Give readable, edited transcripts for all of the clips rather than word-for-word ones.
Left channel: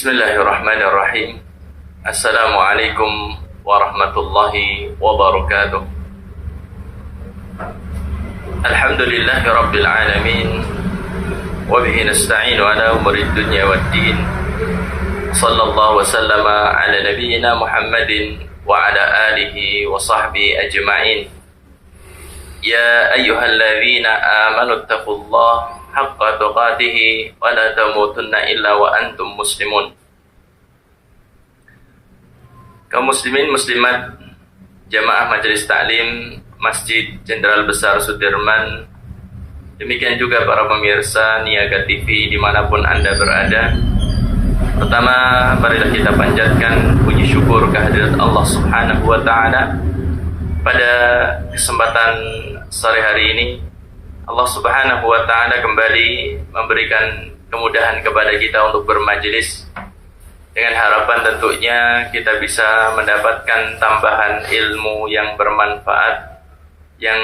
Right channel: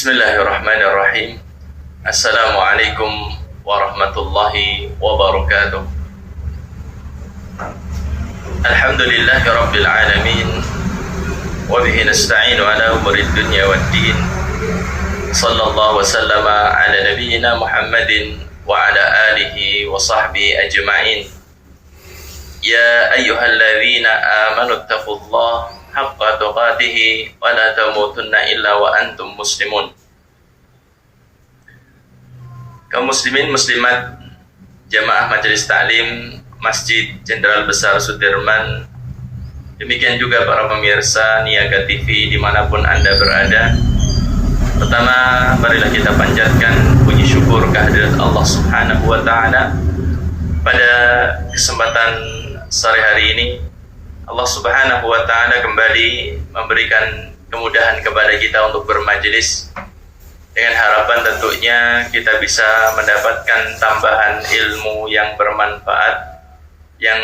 Bismillahirrahmanirrahim. Assalamualaikum warahmatullahi wabarakatuh. Alhamdulillahi rabbil alamin. Wa bihi nasta'inu ala umuri dunya waddin. Sallallahu wasallama ala nabiyyina Muhammadin wa ala alihi wa sahbihi ajma'in. Ya ayyuhalladzina amanu taqullaha haqqa tuqatih wa la tamutunna illa wa antum muslimun. Kaum muslimin muslimat jamaah majelis taklim Masjid Jenderal Besar Sudirman, demikian juga para pemirsa Niaga TV dimanapun Anda berada. Pertama, marilah kita panjatkan puji syukur kehadirat Allah Subhanahu wa Ta'ala. Pada kesempatan sore hari ini Allah Subhanahu wa Ta'ala kembali memberikan kemudahan kepada kita untuk bermajelis, dengan harapan tentunya kita bisa mendapatkan tambahan ilmu yang bermanfaat yang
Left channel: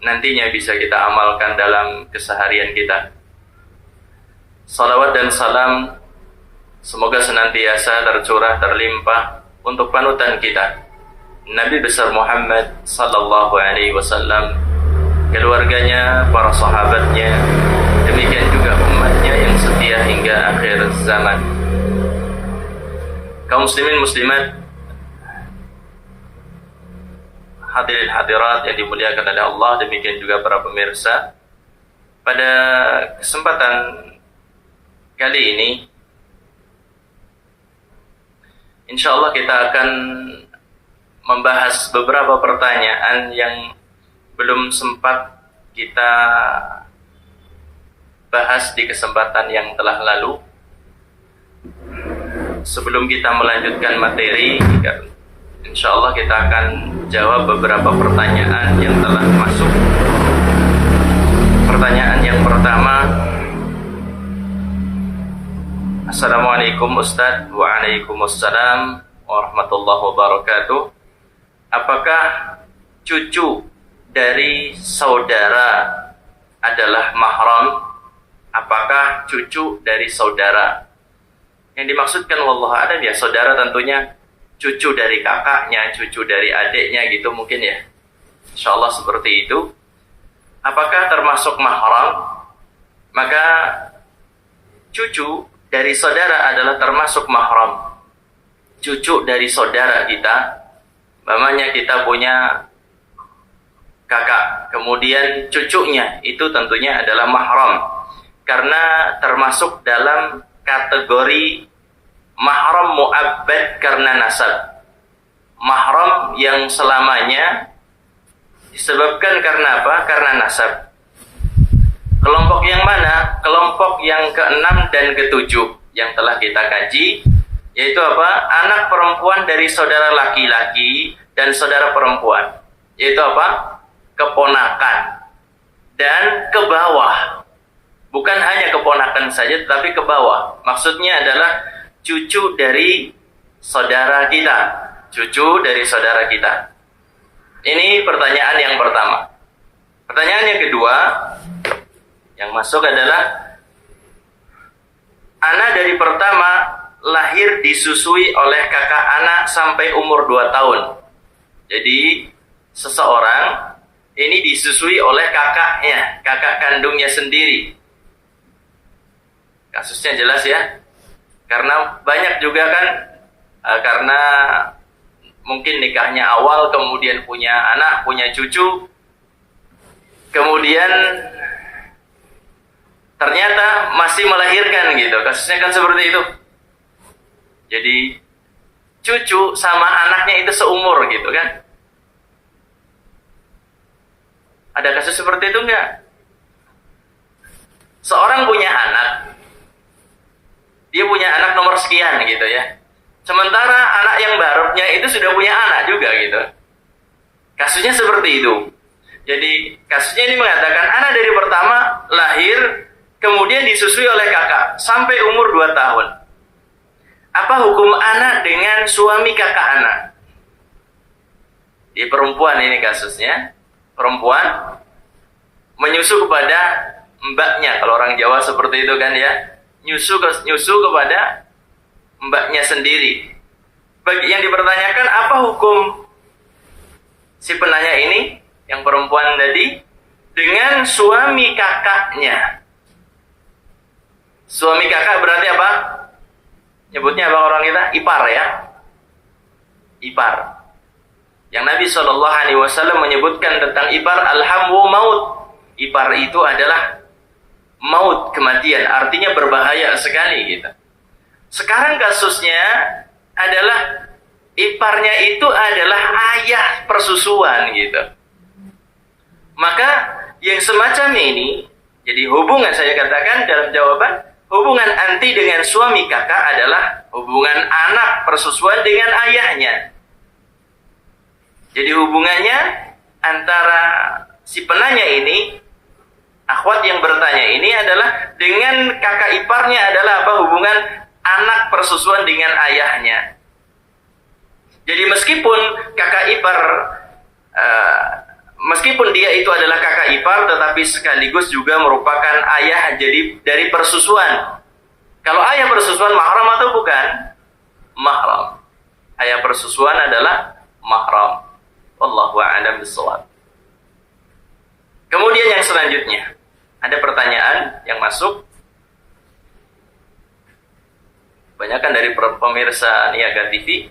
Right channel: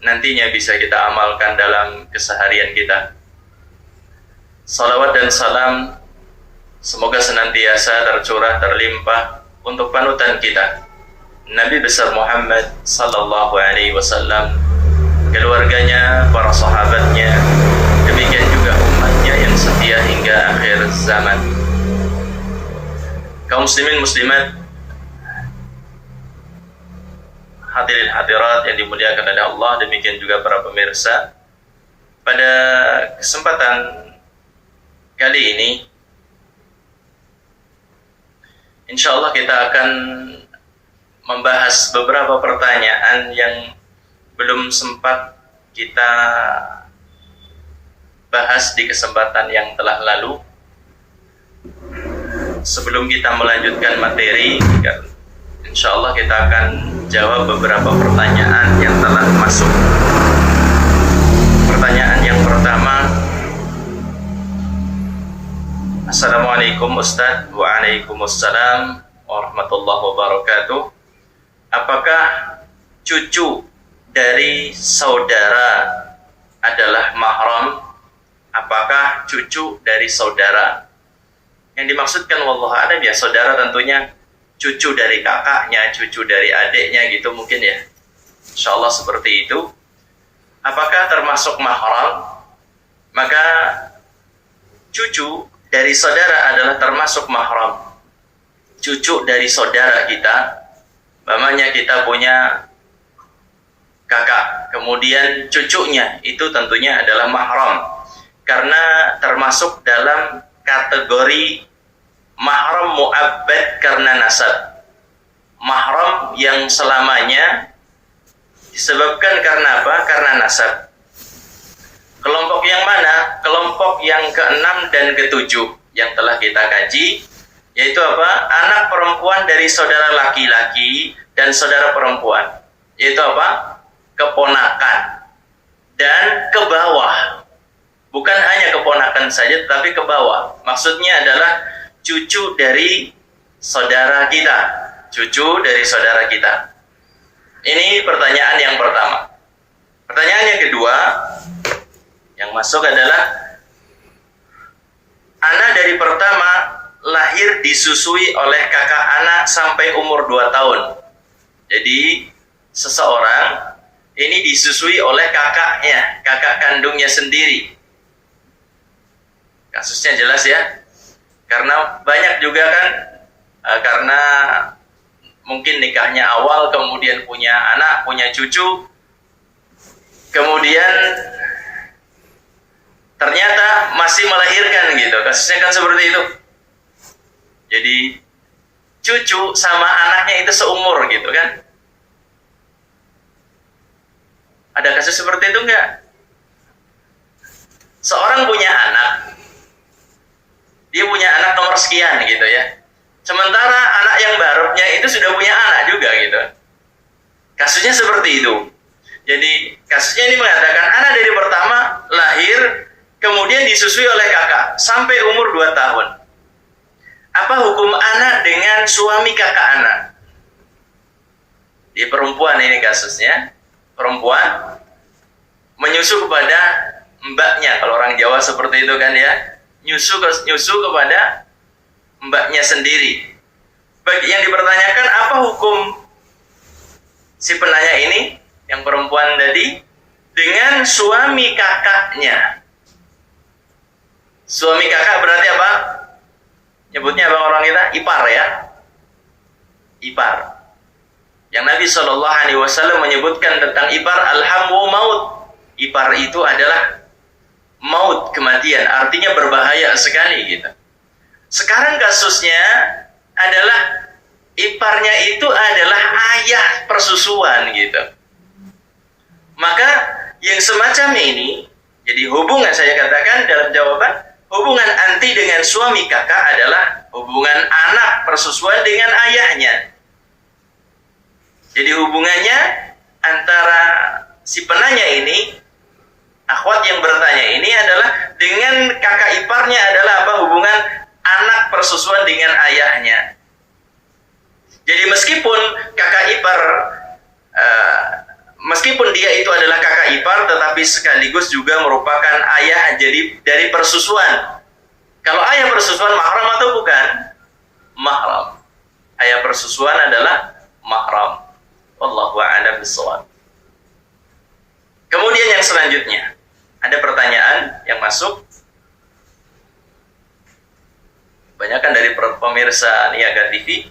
nantinya bisa kita amalkan dalam keseharian kita. Salawat dan salam semoga senantiasa tercurah terlimpah untuk panutan kita Nabi besar Muhammad sallallahu alaihi wasallam, keluarganya, para sahabatnya, demikian juga umatnya yang setia hingga akhir zaman. Kaum muslimin muslimat, hadirin hadirat yang dimuliakan oleh Allah, demikian juga para pemirsa. Pada kesempatan kali ini insyaallah kita akan membahas beberapa pertanyaan yang belum sempat kita bahas di kesempatan yang telah lalu. Sebelum kita melanjutkan materi, insya Allah kita akan jawab beberapa pertanyaan yang telah masuk. Pertanyaan yang pertama, Assalamualaikum Ustadz. Waalaikumsalam warahmatullahi wabarakatuh. Apakah cucu dari saudara adalah mahram? Apakah cucu dari saudara? Yang dimaksudkan wallahu a'lam ya saudara tentunya cucu dari kakaknya, cucu dari adiknya gitu mungkin ya. Insyaallah seperti itu. Apakah termasuk mahram? Maka cucu dari saudara adalah termasuk mahram. Cucu dari saudara kita, umpamanya kita punya kakak, kemudian cucunya itu tentunya adalah mahram, karena termasuk dalam kategori mahram mu'abbad karena nasab, mahram yang selamanya disebabkan karena apa? Karena nasab. Kelompok yang mana? Kelompok yang ke-6 dan ke-7 yang telah kita kaji, yaitu apa? Anak perempuan dari saudara laki-laki dan saudara perempuan, yaitu apa? Keponakan dan ke bawah. Bukan hanya keponakan saja, tetapi ke bawah. Maksudnya adalah cucu dari saudara kita, cucu dari saudara kita. Ini pertanyaan yang pertama. Pertanyaan yang kedua yang masuk adalah, anak dari pertama lahir disusui oleh kakak anak sampai umur 2 tahun. Jadi seseorang ini disusui oleh kakaknya, kakak kandungnya sendiri. Kasusnya jelas ya, karena banyak juga kan, karena mungkin nikahnya awal, kemudian punya anak, punya cucu, kemudian ternyata masih melahirkan gitu. Kasusnya kan seperti itu. Jadi cucu sama anaknya itu seumur gitu kan. Ada kasus seperti itu enggak? Seorang punya anak, dia punya anak nomor sekian gitu ya. Sementara anak yang barunya itu sudah punya anak juga gitu. Kasusnya seperti itu. Jadi kasusnya ini mengatakan anak dari pertama lahir, kemudian disusui oleh kakak sampai umur 2 tahun. Apa hukum anak dengan suami kakak anak? Di perempuan ini kasusnya. Perempuan menyusu kepada mbaknya, kalau orang Jawa seperti itu kan ya. Nyusu kepada mbaknya sendiri. Bagi yang dipertanyakan, apa hukum si penanya ini, yang perempuan tadi, dengan suami kakaknya? Suami kakak berarti apa? Nyebutnya apa orang kita? Ipar ya? Ipar. Yang Nabi SAW menyebutkan tentang ipar, alhamu maut. Ipar itu adalah maut, kematian. Artinya berbahaya sekali gitu. Sekarang kasusnya adalah iparnya itu adalah ayah persusuan gitu. Maka yang semacam ini, jadi hubungan, saya katakan dalam jawaban, hubungan anti dengan suami kakak adalah hubungan anak persusuan dengan ayahnya. Jadi hubungannya antara si penanya ini, akhwat yang bertanya ini, adalah dengan kakak iparnya adalah apa? Hubungan anak persusuan dengan ayahnya. Jadi meskipun kakak ipar, meskipun dia itu adalah kakak ipar, tetapi sekaligus juga merupakan ayah jadi dari persusuan. Kalau ayah persusuan mahram atau bukan? Mahram. Ayah persusuan adalah mahram. Wallahu a'lam bishawab. Kemudian yang selanjutnya, ada pertanyaan yang masuk. Kebanyakan dari pemirsa Niaga TV.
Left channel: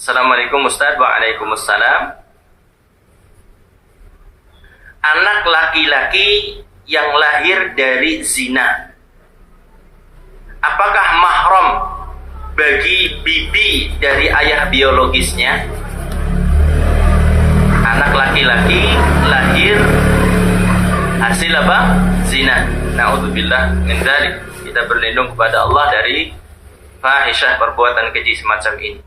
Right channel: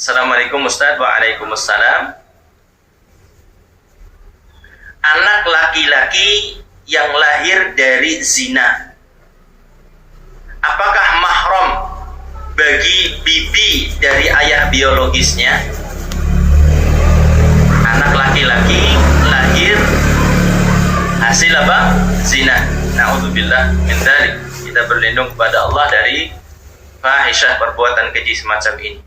Assalamualaikum Ustaz. Waalaikumsalam. Anak laki-laki yang lahir dari zina, apakah mahram bagi bibi dari ayah biologisnya? Anak laki-laki lahir hasil apa? Zina. Na'udzubillah min dzalik. Kita berlindung kepada Allah dari fahisyah, perbuatan keji semacam ini.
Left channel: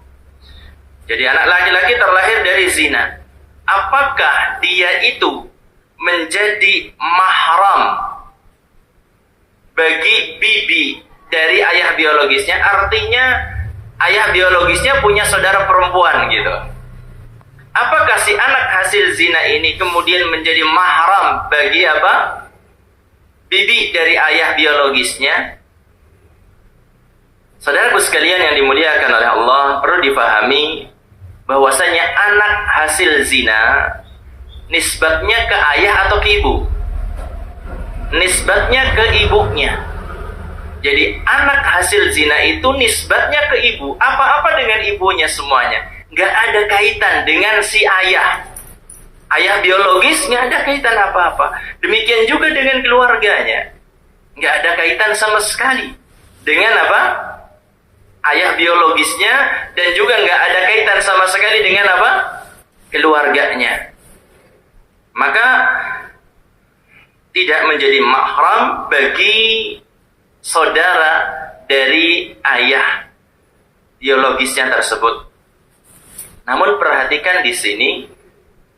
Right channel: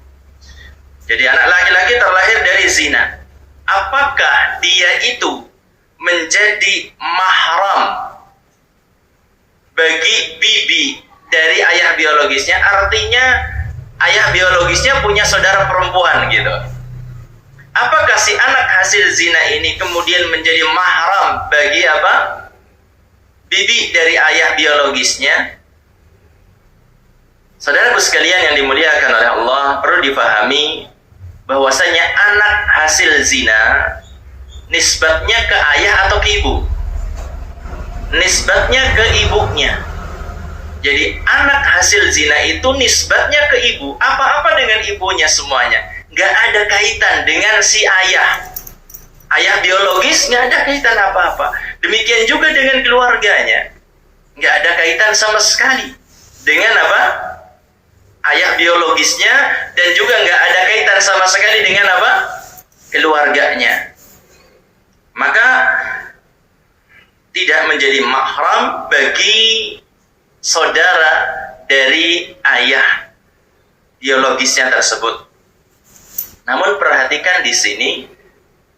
Jadi anak laki-laki terlahir dari zina, apakah dia itu menjadi mahram bagi bibi dari ayah biologisnya? Artinya ayah biologisnya punya saudara perempuan gitu. Apakah si anak hasil zina ini kemudian menjadi mahram bagi apa? Bibi dari ayah biologisnya? Saudaraku sekalian yang dimuliakan oleh Allah, perlu difahami bahwasanya anak hasil zina nisbatnya ke ayah atau ke ibu? Nisbatnya ke ibunya. Jadi anak hasil zina itu nisbatnya ke ibu. Apa-apa dengan ibunya semuanya. Gak ada kaitan dengan si ayah. Ayah biologis gak ada kaitan apa-apa. Demikian juga dengan keluarganya. Gak ada kaitan sama sekali dengan apa? Ayah biologisnya, dan juga nggak ada kaitan sama sekali dengan apa? Keluarganya. Maka tidak menjadi mahram bagi saudara dari ayah biologisnya tersebut. Namun perhatikan di sini,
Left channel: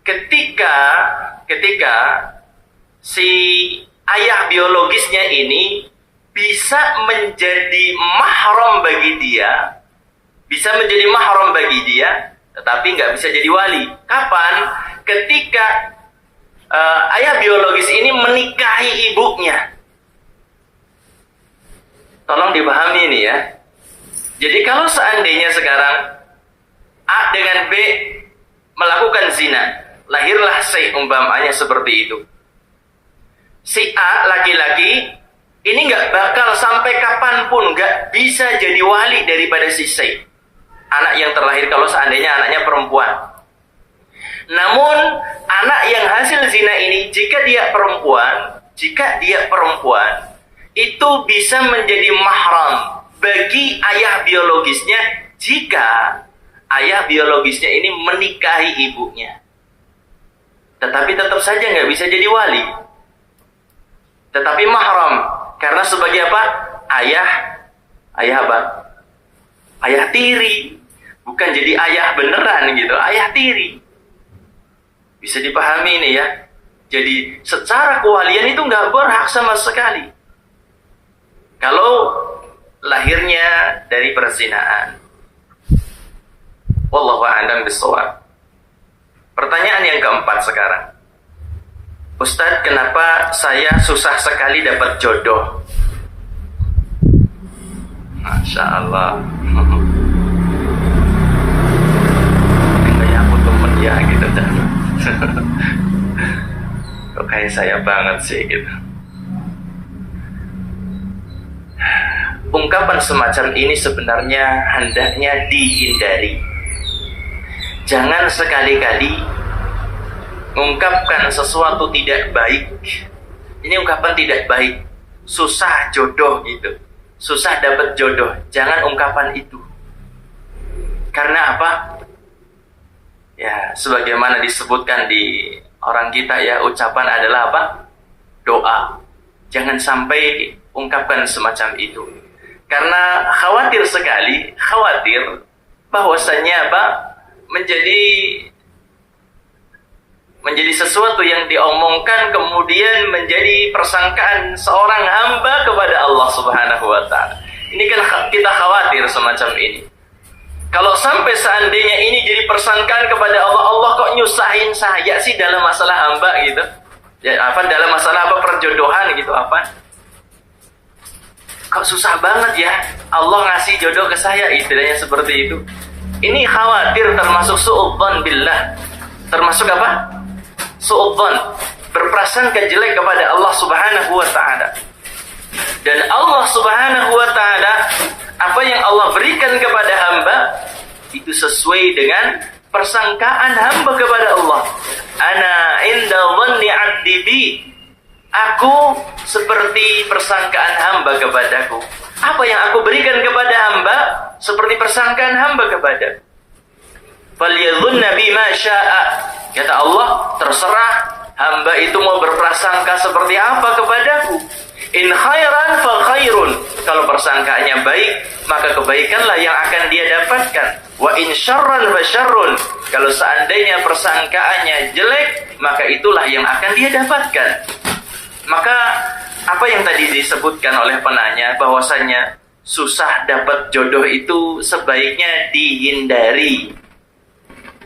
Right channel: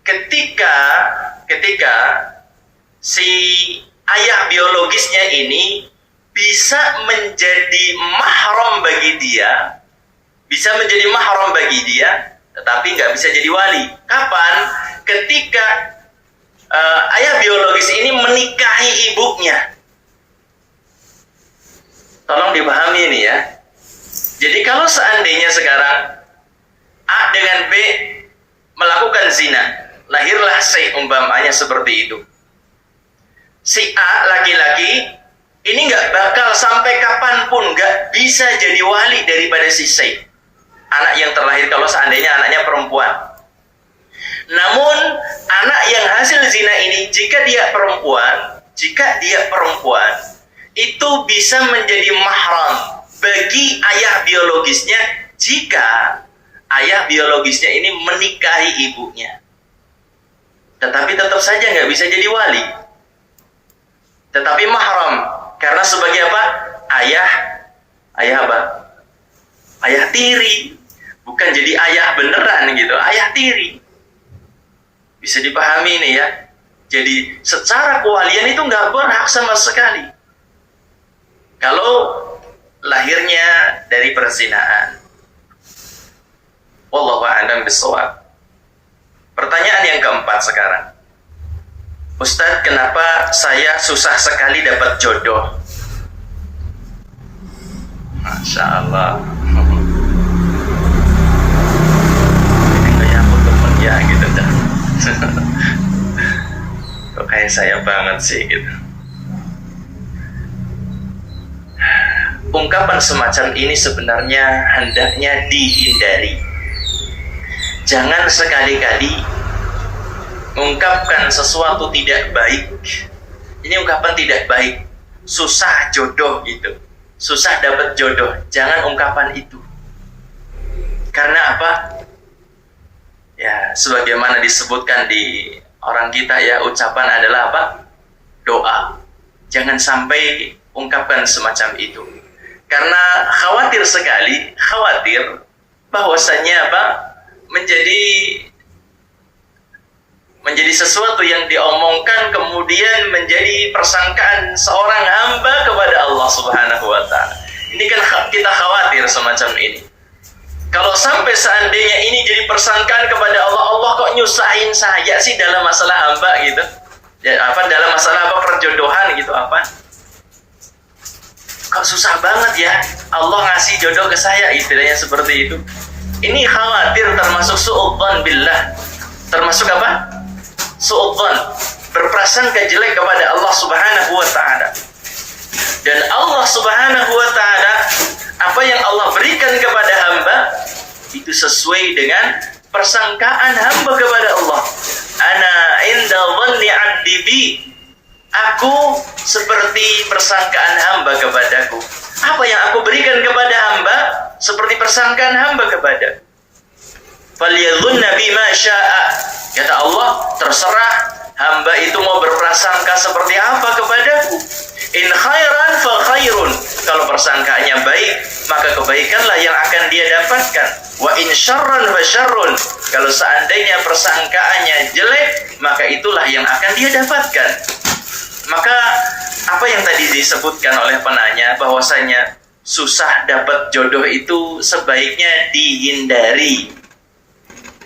ketika si ayah biologisnya ini bisa menjadi mahram bagi dia, tetapi nggak bisa jadi wali. Kapan? Ketika ayah biologis ini menikahi ibunya. Tolong dipahami ini ya. Jadi kalau seandainya sekarang A dengan B melakukan zina, lahirlah C, umpamanya seperti itu. Si A laki-laki ini nggak bakal sampai kapanpun nggak bisa jadi wali daripada si C, anak yang terlahir kalau seandainya anaknya perempuan. Namun anak yang hasil zina ini, jika dia perempuan, itu bisa menjadi mahram bagi ayah biologisnya jika ayah biologisnya ini menikahi ibunya. Tetapi tetap saja nggak bisa jadi wali, tetapi mahram. Karena sebagai apa? Ayah apa? Ayah tiri. Bukan jadi ayah beneran gitu, ayah tiri. Bisa dipahami ini ya. Jadi secara kewalian itu nggak berhak sama sekali kalau lahirnya dari perzinahan. Wallahu a'lam bishawab. Pertanyaan yang keempat sekarang. Ustadz, kenapa saya susah sekali dapat jodoh? Insyaallah. Kayak aku temen ya gitu kan. Kok kayak saya banget sih gitu. Ungkapan semacam ini sebenarnya hendaknya dihindari. Jangan sekali-kali mengungkapkan sesuatu tidak baik. Ini ungkapan tidak baik. Susah jodoh gitu. Susah dapat jodoh. Jangan ungkapan itu. Karena apa? Ya, sebagaimana disebutkan di orang kita ya, ucapan adalah apa? Doa. Jangan sampai ungkapkan semacam itu. Karena khawatir sekali, bahwasannya apa? menjadi sesuatu yang diomongkan kemudian menjadi persangkaan seorang hamba kepada Allah Subhanahu wa taala. Ini kan kita khawatir semacam ini. Kalau sampai seandainya ini jadi persangkaan kepada Allah, Allah kok nyusahin saya sih dalam masalah hamba gitu. Ya, apa dalam masalah apa perjodohan gitu apa? Kok susah banget ya Allah ngasih jodoh ke saya, istilahnya seperti itu. Ini khawatir, termasuk su'udzon billah. Termasuk apa? Su'udzon, berprasangka jelek kepada Allah Subhanahu wa taala. Dan Allah Subhanahu wa taala, apa yang Allah berikan kepada hamba itu sesuai dengan persangkaan hamba kepada Allah. Ana inda dhanni 'abdi bi. Aku seperti persangkaan hamba kepadaku. Apa yang aku berikan kepada hamba seperti persangkaan hamba kepada. Falyadhunna bima syaa. Kata Allah, terserah hamba itu mau berprasangka seperti apa kepadaku. In khairan fa khairun. Kalau persangkaannya baik, maka kebaikanlah yang akan dia dapatkan. Wa in syarran fa syarrun. Kalau seandainya persangkaannya jelek, maka itulah yang akan dia dapatkan. Maka apa yang tadi disebutkan oleh penanya, bahwasanya susah dapat jodoh itu sebaiknya dihindari.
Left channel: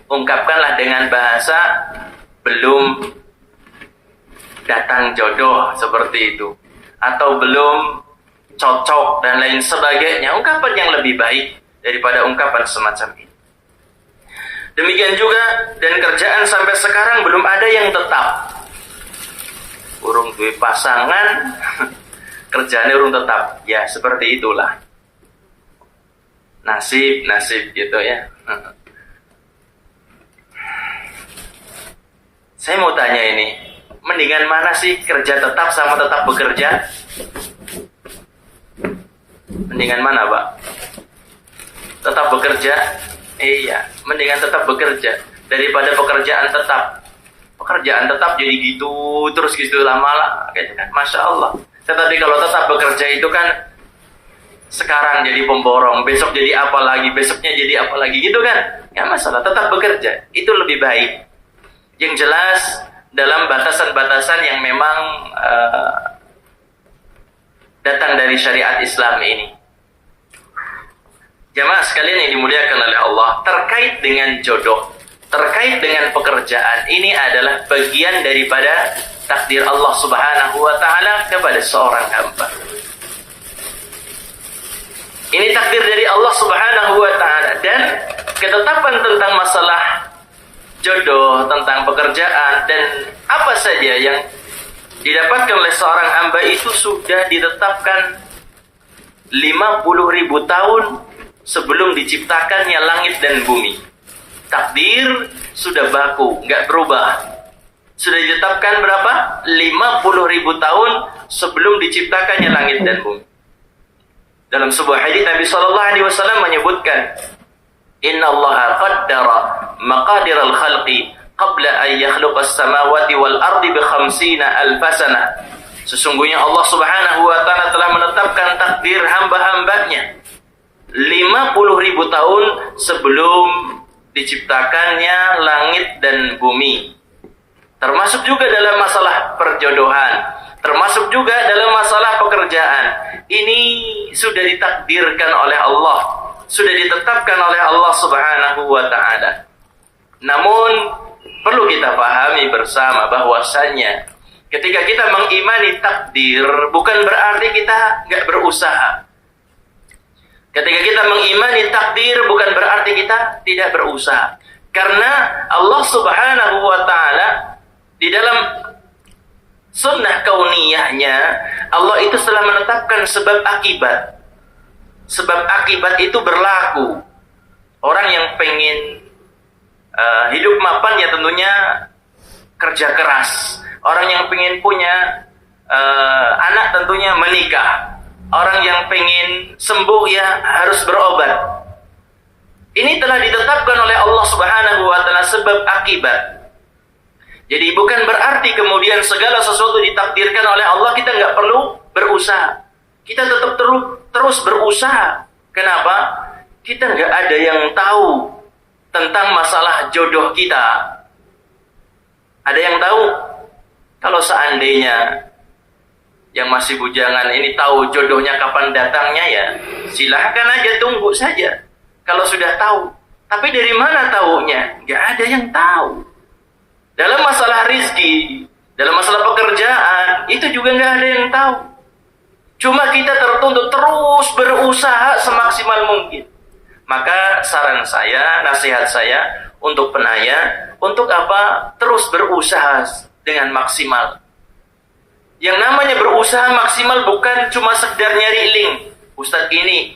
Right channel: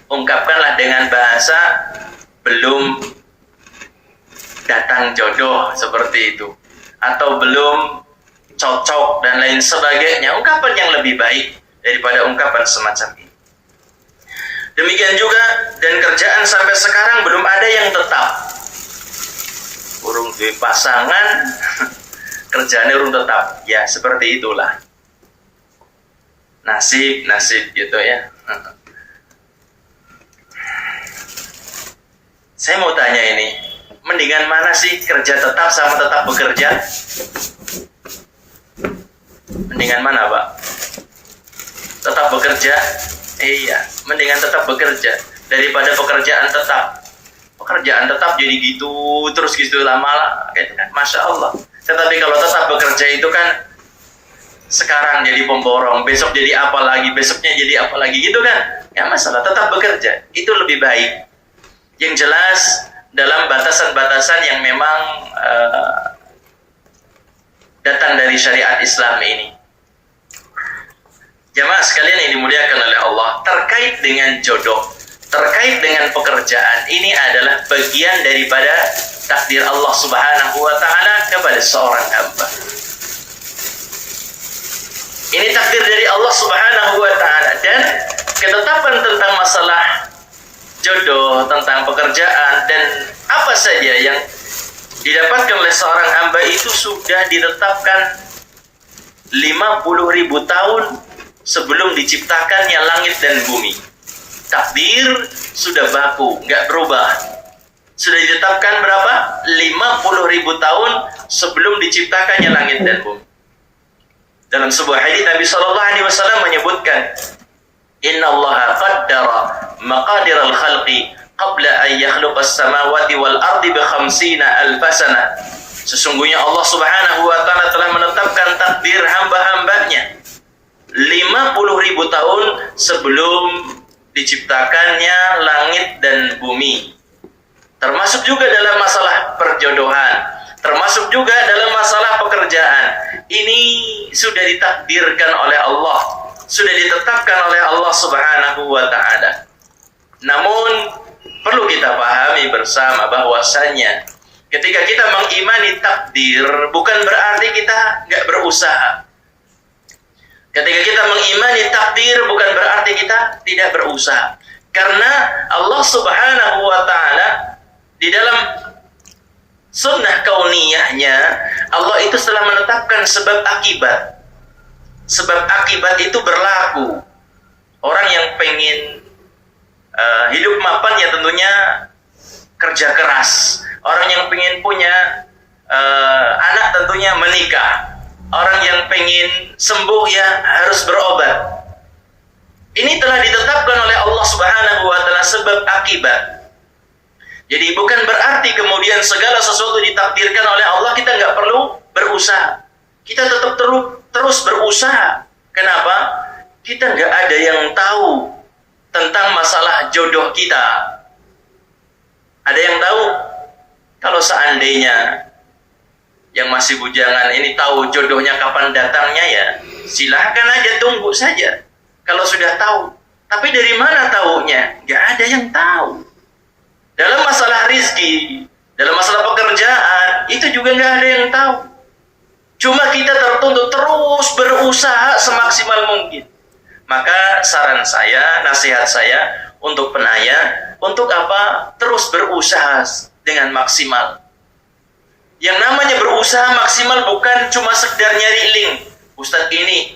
Ungkapkanlah dengan bahasa belum datang jodoh seperti itu, atau belum cocok dan lain sebagainya. Ungkapan yang lebih baik daripada ungkapan semacam ini. Demikian juga, dan kerjaan sampai sekarang belum ada yang tetap. Urung duwe pasangan, kerjaannya urung tetap. Ya, seperti itulah. Nasib gitu ya. Saya mau tanya ini, mendingan mana sih kerja tetap sama tetap bekerja? Mendingan mana, Pak? Tetap bekerja? Iya, mendingan tetap bekerja daripada pekerjaan tetap. Pekerjaan tetap jadi gitu terus gitu lama, Masya Allah. Tetapi kalau tetap bekerja itu kan sekarang jadi pemborong, besok jadi apa lagi, besoknya jadi apa lagi gitu kan? Ya masalah, tetap bekerja itu lebih baik. Yang jelas dalam batasan-batasan yang memang datang dari syariat Islam ini. Jamaah sekalian yang dimuliakan oleh Allah, terkait dengan jodoh, terkait dengan pekerjaan, ini adalah bagian daripada takdir Allah Subhanahu wa taala kepada seorang hamba. Ini takdir dari Allah Subhanahu wa taala, dan ketetapan tentang masalah jodoh, tentang pekerjaan dan apa saja yang didapatkan oleh seorang hamba itu sudah ditetapkan 50.000 tahun sebelum diciptakannya langit dan bumi. Takdir sudah baku, nggak berubah. Sudah ditetapkan berapa? 50.000 tahun sebelum diciptakannya langit dan bumi. Dalam sebuah hadits Nabi SAW menyebutkan, Inna Allah qaddara maqadir al-khalqi qabla an yakhluqa as-samawati wal ardi bi 50,000 sana. Sesungguhnya Allah Subhanahu wa taala telah menetapkan takdir hamba-hambanya 50.000 tahun sebelum diciptakannya langit dan bumi. Termasuk juga dalam masalah perjodohan, termasuk juga dalam masalah pekerjaan. Ini sudah ditakdirkan oleh Allah, sudah ditetapkan oleh Allah Subhanahu wa taala. Namun perlu kita pahami bersama bahwasannya ketika kita mengimani takdir bukan berarti kita nggak berusaha. Ketika kita mengimani takdir bukan berarti kita tidak berusaha. Karena Allah Subhanahu wa taala di dalam sunnah kauniyahnya, Allah itu telah menetapkan sebab akibat. Sebab akibat itu berlaku. Orang yang pengen hidup mapan ya tentunya kerja keras. Orang yang pengen punya anak tentunya menikah. Orang yang pengen sembuh ya harus berobat. Ini telah ditetapkan oleh Allah Subhanahu wa taala sebab akibat. Jadi bukan berarti kemudian segala sesuatu ditakdirkan oleh Allah kita nggak perlu berusaha. Kita tetap terus berusaha. Kenapa? Kita nggak ada yang tahu tentang masalah jodoh kita. Ada yang tahu? Kalau seandainya yang masih bujangan ini tahu jodohnya kapan datangnya ya silahkan aja, tunggu saja kalau sudah tahu. Tapi dari mana taunya? Nggak ada yang tahu. Dalam masalah rizki, dalam masalah pekerjaan, itu juga nggak ada yang tahu. Cuma kita tertuntut terus berusaha semaksimal mungkin. Maka saran saya, nasihat saya untuk penanya, untuk apa? Terus berusaha dengan maksimal. Yang namanya berusaha maksimal bukan cuma sekedar nyari link. Ustadz ini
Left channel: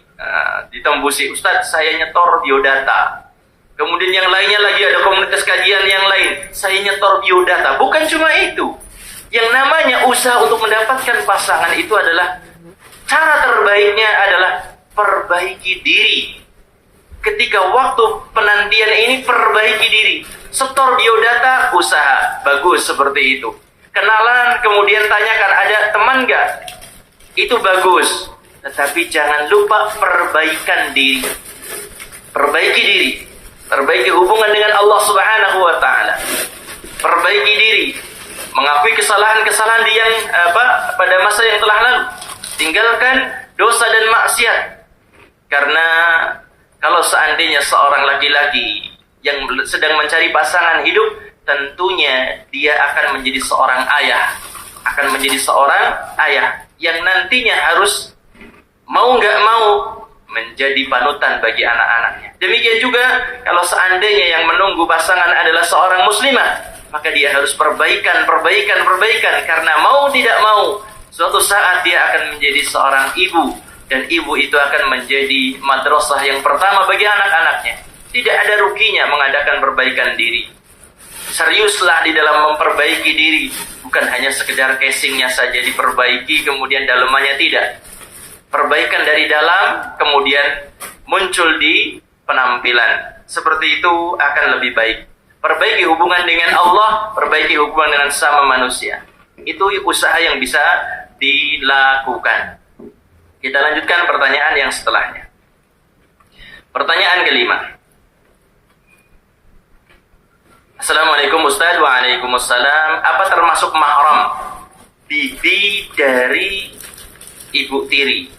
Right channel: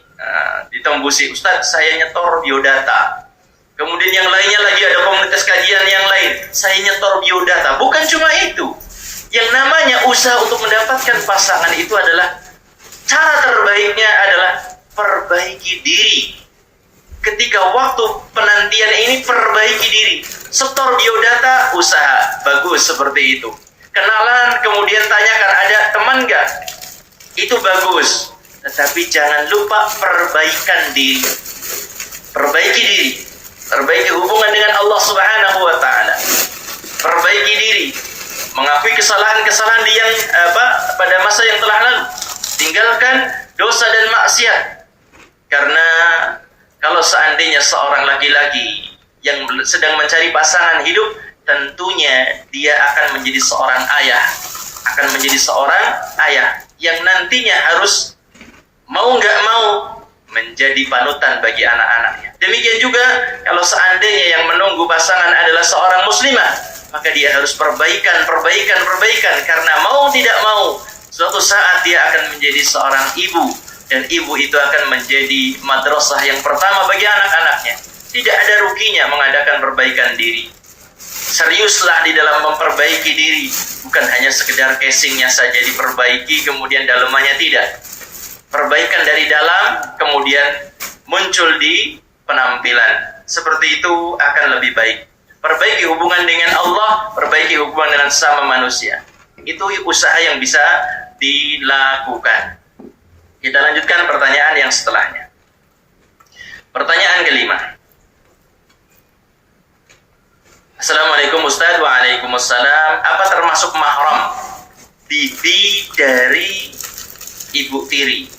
ditembusi, Ustadz saya nyetor biodata. Kemudian yang lainnya lagi ada komunitas kajian yang lain, saya nyetor biodata. Bukan cuma itu. Yang namanya usaha untuk mendapatkan pasangan itu adalah cara terbaiknya adalah perbaiki diri. Ketika waktu penantian ini perbaiki diri. Setor biodata, usaha. Bagus seperti itu. Kenalan, kemudian tanyakan, ada teman nggak? Itu bagus. Tetapi jangan lupa perbaikan diri. Perbaiki diri. Perbaiki hubungan dengan Allah Subhanahu wa taala. Perbaiki diri. Mengakui kesalahan-kesalahan pada masa yang telah lalu. Tinggalkan dosa dan maksiat. Karena kalau seandainya seorang laki-laki yang sedang mencari pasangan hidup, tentunya dia akan menjadi seorang ayah. Akan menjadi seorang ayah yang nantinya harus mau nggak mau menjadi panutan bagi anak-anaknya. Demikian juga kalau seandainya yang menunggu pasangan adalah seorang muslimah, maka dia harus perbaikan. Karena mau tidak mau, suatu saat dia akan menjadi seorang ibu. Dan ibu itu akan menjadi madrasah yang pertama bagi anak-anaknya. Tidak ada ruginya mengadakan perbaikan diri. Seriuslah di dalam memperbaiki diri. Bukan hanya sekedar casingnya saja diperbaiki, kemudian dalamannya tidak. Perbaikan dari dalam, kemudian muncul di penampilan. Seperti itu akan lebih baik. Perbaiki hubungan dengan Allah, perbaiki hubungan dengan sesama manusia. Itu usaha yang bisa dilakukan. Kita lanjutkan pertanyaan yang setelahnya. Pertanyaan kelima. Assalamualaikum Ustaz. Waalaikumsalam. Apa termasuk mahram bibi dari ibu tiri?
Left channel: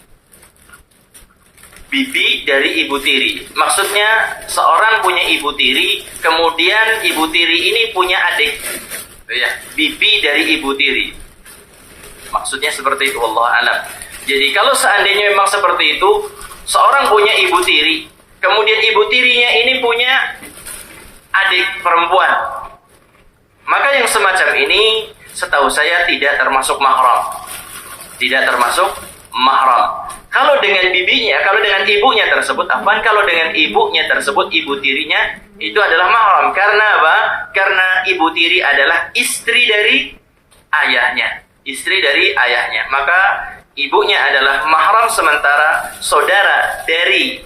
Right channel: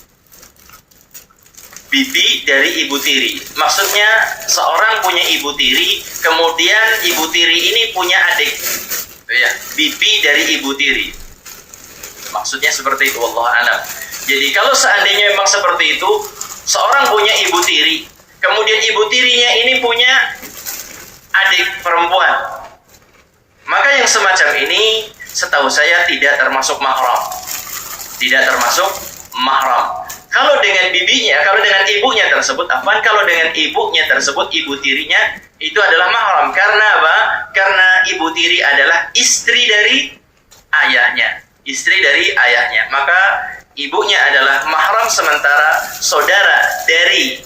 Bibi dari ibu tiri. Maksudnya seorang punya ibu tiri, kemudian ibu tiri ini punya adik. Ya, bibi dari ibu tiri. Maksudnya seperti itu, wallahu a'lam. Jadi kalau seandainya memang seperti itu, seorang punya ibu tiri, kemudian ibu tirinya ini punya adik perempuan, maka yang semacam ini setahu saya tidak termasuk mahram. Tidak termasuk mahram. Kalau dengan bibinya, kalau dengan ibunya tersebut, kalau dengan ibunya tersebut, ibu tirinya itu adalah mahram. Karena apa? Karena ibu tiri adalah istri dari ayahnya. Istri dari ayahnya. Maka ibunya adalah mahram, sementara saudara dari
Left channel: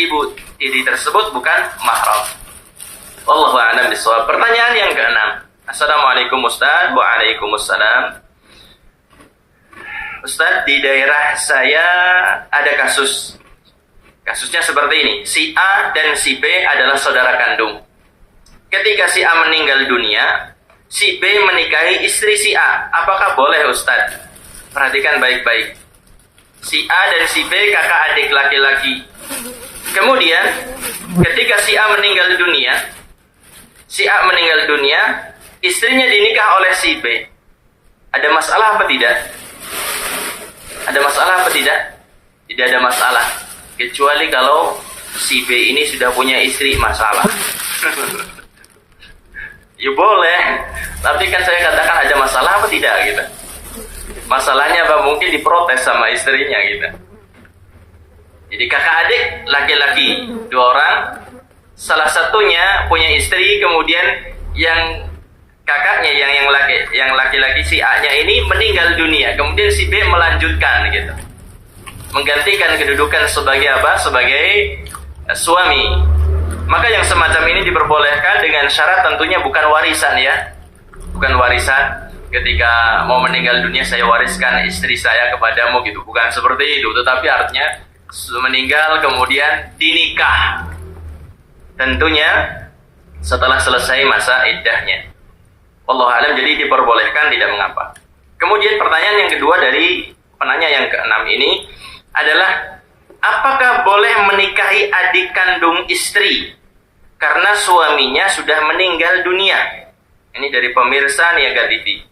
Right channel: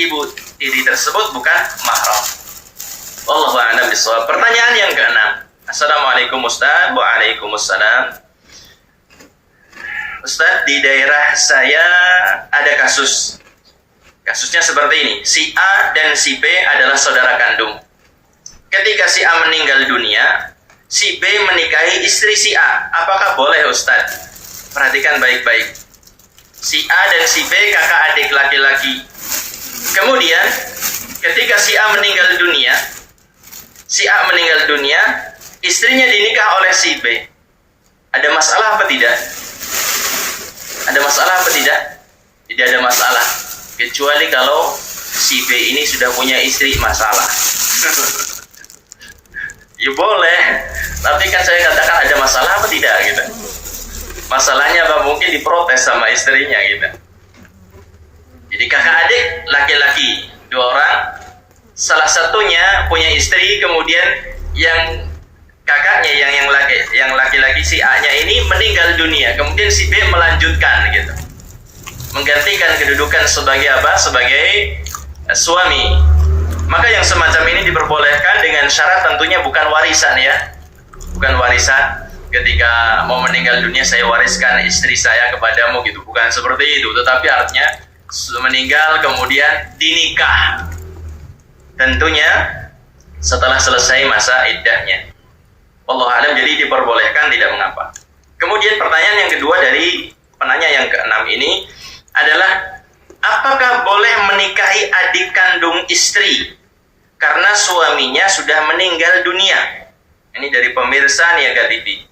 ibu tiri tersebut bukan mahram. Wallahu a'lam bishawab. Pertanyaan yang keenam. Assalamualaikum Ustaz. Waalaikumsalam. Ustaz, di daerah saya ada kasus. Kasusnya seperti ini. Si A dan si B adalah saudara kandung. Ketika si A meninggal dunia, si B menikahi istri si A. Apakah boleh Ustaz? Perhatikan baik-baik. Si A dan si B kakak adik laki-laki. Kemudian ketika si A meninggal dunia, istrinya dinikah oleh si B. Ada masalah apa tidak? Ada masalah apa tidak? Tidak ada masalah. kecuali kalau si B ini sudah punya istri, masalah. Ya boleh, tapi kan saya katakan ada masalah apa tidak gitu. Masalahnya apa? Mungkin diprotes sama istrinya gitu. Jadi kakak adik laki-laki 2 orang, salah satunya punya istri, kemudian yang kakaknya yang laki-laki si A-nya ini meninggal dunia, kemudian si B melanjutkan gitu, menggantikan kedudukan sebagai apa? Sebagai suami. Maka yang semacam ini diperbolehkan dengan syarat tentunya bukan warisan ya. Bukan warisan. Ketika mau meninggal dunia saya wariskan istri saya kepadamu gitu. Bukan seperti itu. Tetapi artinya meninggal kemudian dinikah. Tentunya setelah selesai masa iddahnya. Wallahu a'lam, jadi diperbolehkan, tidak mengapa. Kemudian pertanyaan yang kedua dari penanya yang ke-6 ini adalah, apakah boleh menikahi adik kandung istri karena suaminya sudah meninggal dunia? Ini dari pemirsa Niaga TV.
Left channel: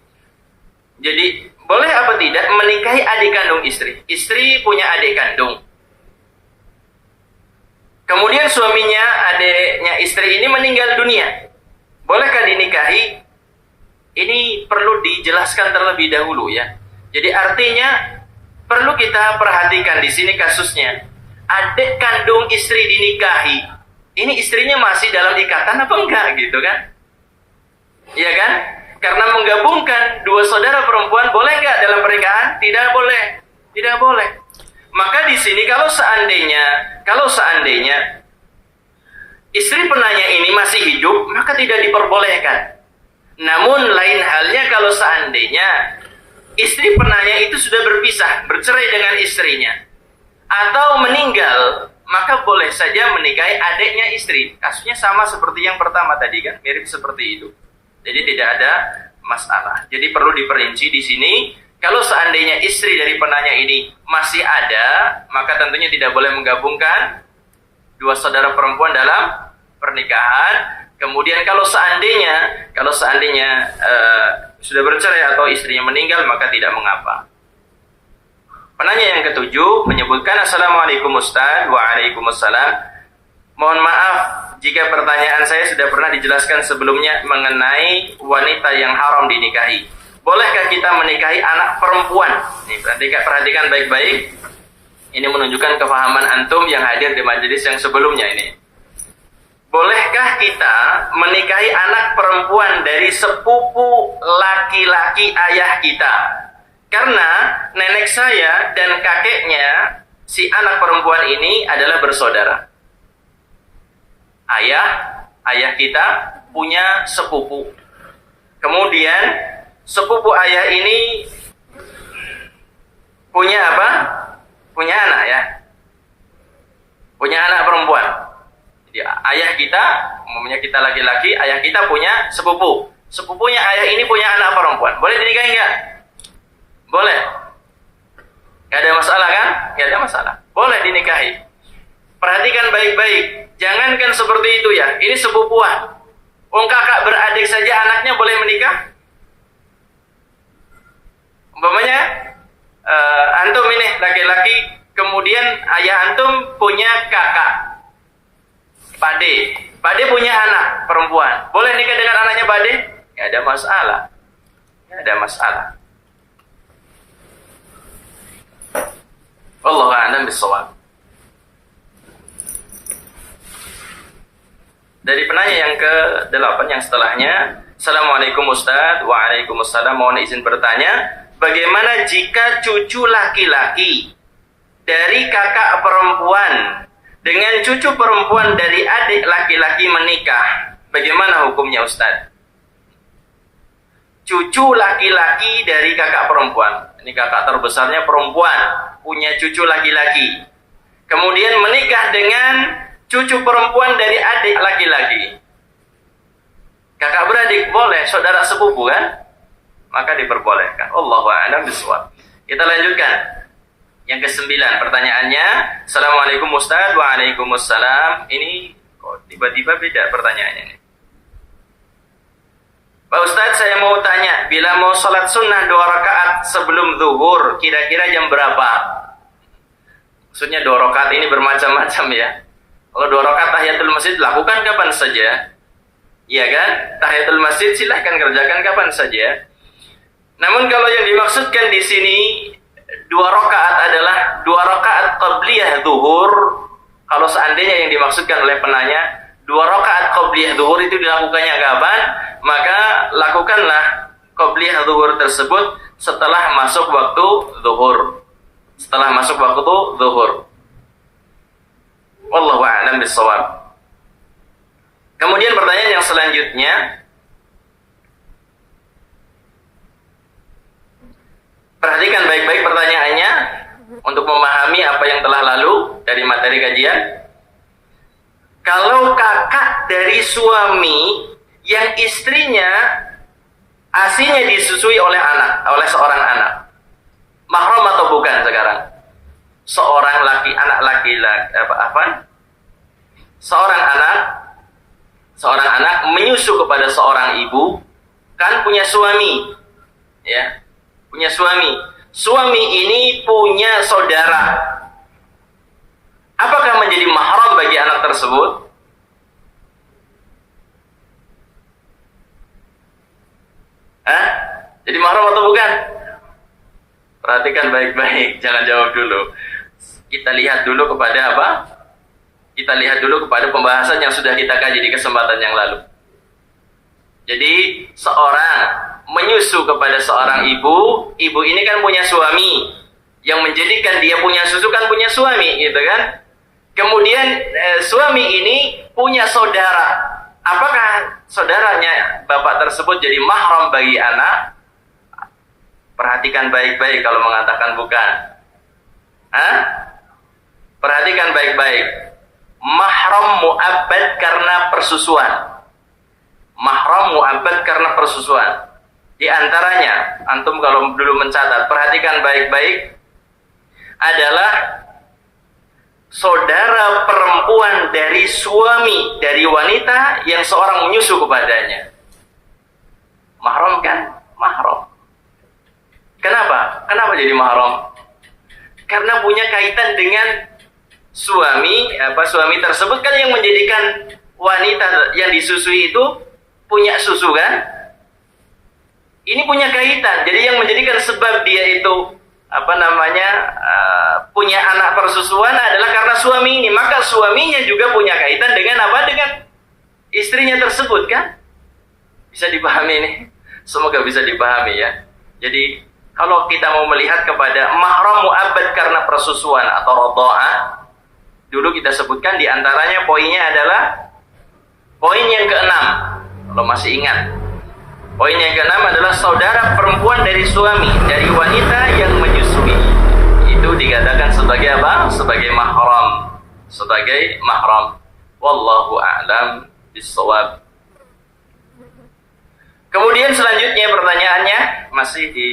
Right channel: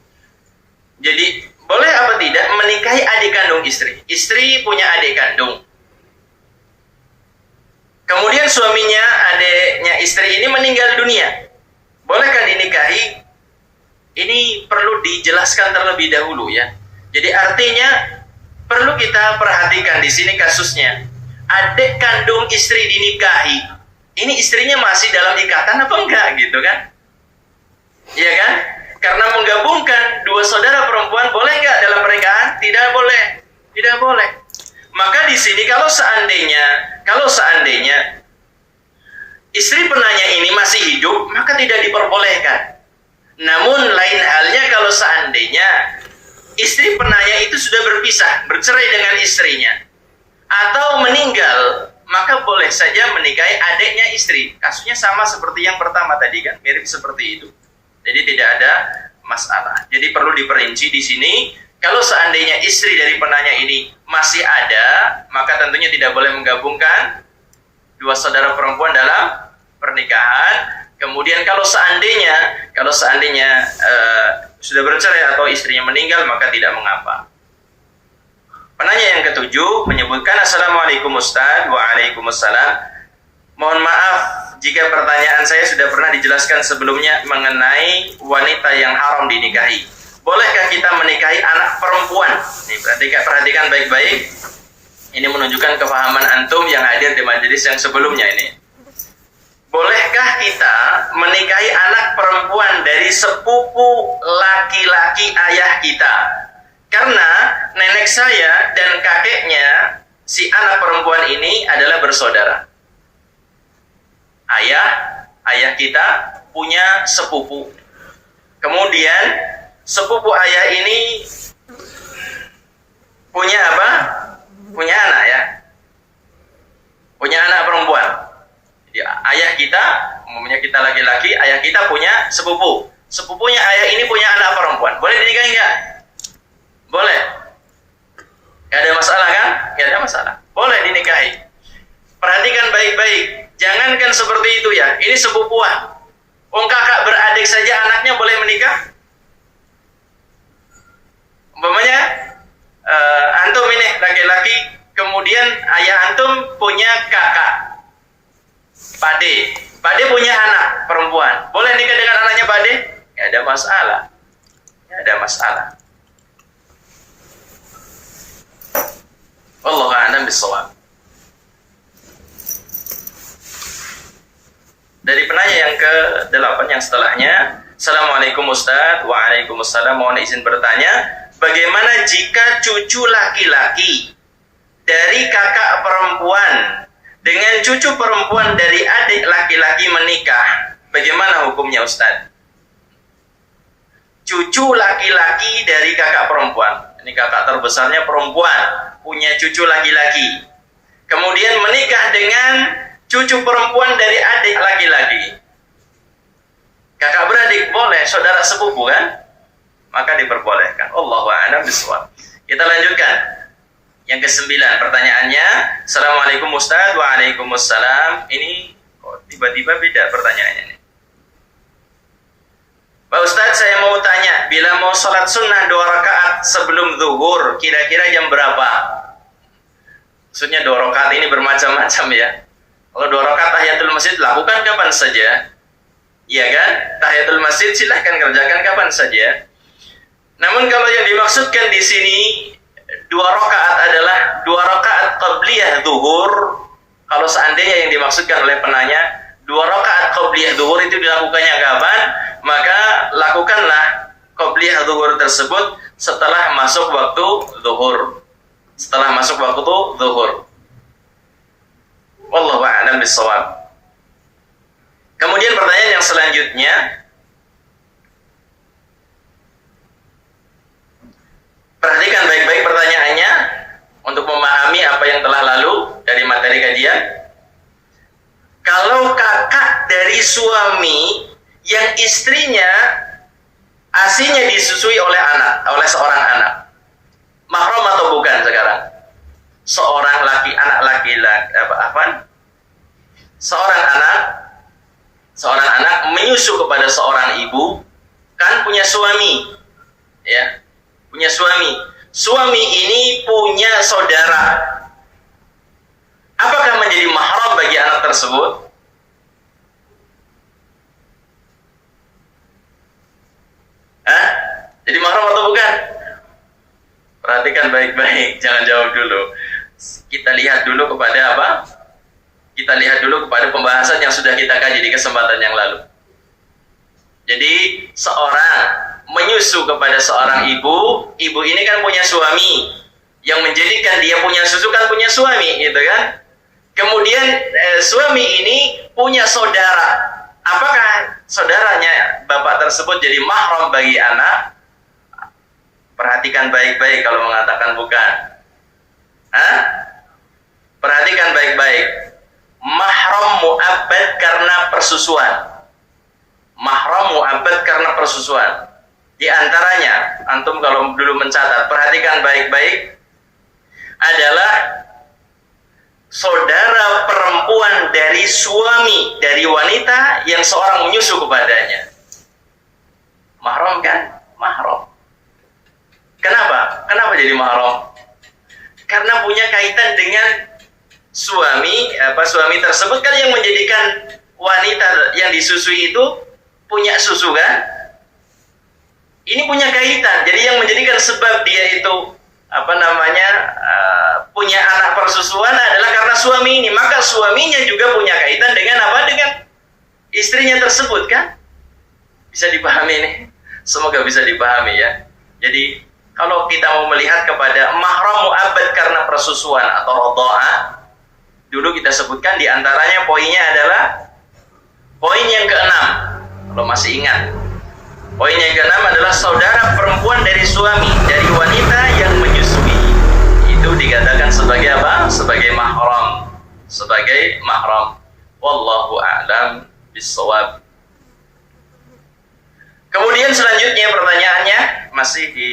Jadi, boleh apa tidak menikahi adik kandung istri? Istri punya adik kandung. Kemudian suaminya, adiknya istri ini meninggal dunia. Bolehkah dinikahi? Ini perlu dijelaskan terlebih dahulu ya. Jadi artinya perlu kita perhatikan di sini kasusnya. Adik kandung istri dinikahi. Ini istrinya masih dalam ikatan apa enggak gitu kan? Iya kan? Karena menggabungkan 2 saudara perempuan boleh enggak dalam pernikahan? Tidak boleh. Tidak boleh. Maka di sini kalau seandainya istri penanya ini masih hidup, maka tidak diperbolehkan. Namun lain halnya kalau seandainya istri penanya itu sudah berpisah, bercerai dengan istrinya, atau meninggal, maka boleh saja menikahi adiknya istri. Kasusnya sama seperti yang pertama tadi kan, mirip seperti itu. Jadi tidak ada masalah. Jadi perlu diperinci di sini, kalau seandainya istri dari penanya ini masih ada, maka tentunya tidak boleh menggabungkan 2 saudara perempuan dalam pernikahan. Kemudian kalau seandainya sudah bercerai atau istrinya meninggal, maka tidak mengapa. Penanya yang ke-7 menyebutkan, Assalamualaikum Ustaz. Waalaikumsalam. Mohon maaf jika pertanyaan saya sudah pernah dijelaskan sebelumnya mengenai wanita yang haram dinikahi. Bolehkah kita menikahi anak perempuan? Nih, perhatikan baik-baik. Ini menunjukkan kefahaman antum yang hadir di majelis yang sebelumnya ini. Bolehkah kita menikahi anak perempuan dari sepupu laki-laki ayah kita? Karena nenek saya dan kakeknya si anak perempuan ini adalah bersaudara. Ayah kita punya sepupu. Kemudian sepupu ayah ini punya apa? Punya anak ya. Punya anak perempuan. Jadi ayah kita, umumnya kita laki-laki, ayah kita punya sepupu. Sepupunya ayah ini punya anak perempuan. Boleh dinikahi enggak? Boleh. Enggak ada masalah kan? Enggak ada masalah. Boleh dinikahi. Perhatikan baik-baik. Jangankan seperti itu ya. Ini sepupuan. Kakak beradik saja anaknya boleh menikah. Umpamanya antum ini laki-laki, kemudian ayah antum punya kakak. Pade punya anak perempuan. Boleh nikah dengan anaknya Pade? Tidak ada masalah. Tidak ada masalah. Wallahu a'lam bishawab. Dari penanya yang ke-8 yang setelahnya, Assalamualaikum Ustaz. Waalaikumsalam. Mohon izin bertanya, bagaimana jika cucu laki-laki dari kakak perempuan dengan cucu perempuan dari adik laki-laki menikah? Bagaimana hukumnya Ustaz? Cucu laki-laki dari kakak perempuan, ini kakak terbesarnya perempuan, punya cucu laki-laki, kemudian menikah dengan cucu perempuan dari adik laki-laki. Kakak beradik boleh, saudara sepupu kan? Maka diperbolehkan. Allahu a'lam bishawab. Kita lanjutkan. Yang ke-9 pertanyaannya, Assalamualaikum Ustaz. Waalaikumsalam. Ini kok tiba-tiba beda pertanyaannya ini. Pak Ustaz, saya mau tanya, bila mau sholat sunnah 2 rakaat sebelum zuhur, kira-kira jam berapa? Maksudnya 2 rakaat ini bermacam-macam ya. Kalau 2 rakaat tahiyatul masjid lakukan kapan saja. Iya kan? Tahiyatul masjid silahkan kerjakan kapan saja. Namun kalau yang dimaksudkan di sini 2 rakaat adalah 2 rakaat qabliyah zuhur. Kalau seandainya yang dimaksudkan oleh penanya 2 rakaat qabliyah zuhur itu dilakukannya kapan? Maka lakukanlah qabliyah zuhur tersebut setelah masuk waktu zuhur. Setelah masuk waktu zuhur. Wallahu a'lam bishawab. Kemudian pertanyaan yang selanjutnya, perhatikan baik-baik pertanyaannya untuk memahami apa yang telah lalu dari materi kajian. Kalau kakak dari suami yang istrinya asinya disusui oleh seorang anak, mahram atau bukan sekarang? Seorang anak laki-laki seorang anak menyusu kepada seorang ibu, kan punya suami, ya, punya suami. Suami ini punya saudara. Apakah menjadi mahram bagi anak tersebut? Jadi mahram atau bukan? Perhatikan baik-baik, jangan jawab dulu. Kita lihat dulu kepada apa? Kita lihat dulu kepada pembahasan yang sudah kita kaji di kesempatan yang lalu. Jadi seorang menyusu kepada seorang ibu ini kan punya suami, yang menjadikan dia punya susu kan punya suami, gitu kan? Kemudian suami ini punya saudara. Apakah saudaranya bapak tersebut jadi mahram bagi anak? Perhatikan baik-baik kalau mengatakan bukan. Perhatikan baik-baik. Mahram mu'abbad karena persusuan. Mahram mu'abbad karena persusuan. Di antaranya, antum kalau dulu mencatat, perhatikan baik-baik, adalah saudara perempuan dari suami, dari wanita yang seorang menyusu kepadanya. Mahram kan? Mahram. Kenapa? Kenapa jadi mahram? Karena punya kaitan dengan suami tersebut kan, yang menjadikan wanita yang disusui itu punya susu kan? Ini punya kaitan. Jadi yang menjadikan sebab dia itu punya anak persusuan adalah karena suami ini. Maka suaminya juga punya kaitan dengan apa? Dengan istrinya tersebut kan? Bisa dipahami nih? Semoga bisa dipahami ya. Jadi kalau kita mau melihat kepada mahram mu'abbad karena persusuan atau radha'ah, dulu kita sebutkan di antaranya poinnya adalah poin yang ke-6. Kalau masih ingat, poin yang ke-6 adalah saudara perempuan dari suami, dari wanita yang menyusui. Itu dikatakan sebagai apa? Sebagai mahram. Sebagai mahram. Wallahu a'lam bishawab. Kemudian selanjutnya pertanyaannya masih di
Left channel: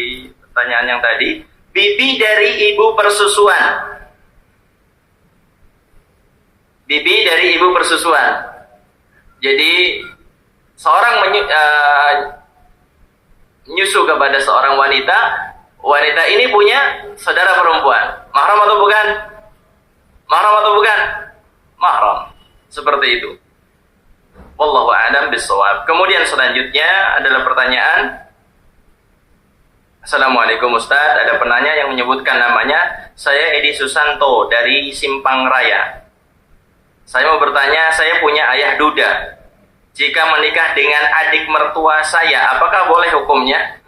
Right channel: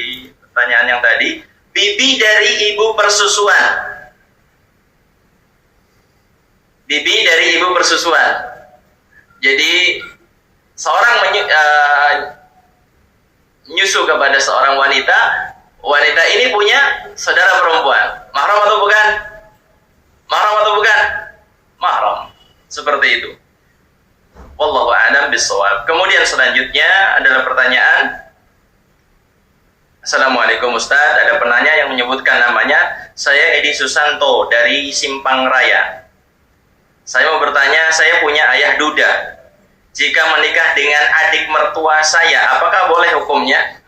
pertanyaan yang tadi, bibi dari ibu persusuan. Bibi dari ibu persusuan. Jadi seorang menyusu kepada seorang wanita. Wanita ini punya saudara perempuan. Mahram atau bukan? Mahram atau bukan? Mahram. Seperti itu. Wallahu a'lam bishawab. Kemudian selanjutnya adalah pertanyaan. Assalamualaikum Ustaz. Ada penanya yang menyebutkan namanya, saya Edi Susanto dari Simpang Raya. Saya mau bertanya, saya punya ayah duda. Jika menikah dengan adik mertua saya, apakah boleh hukumnya?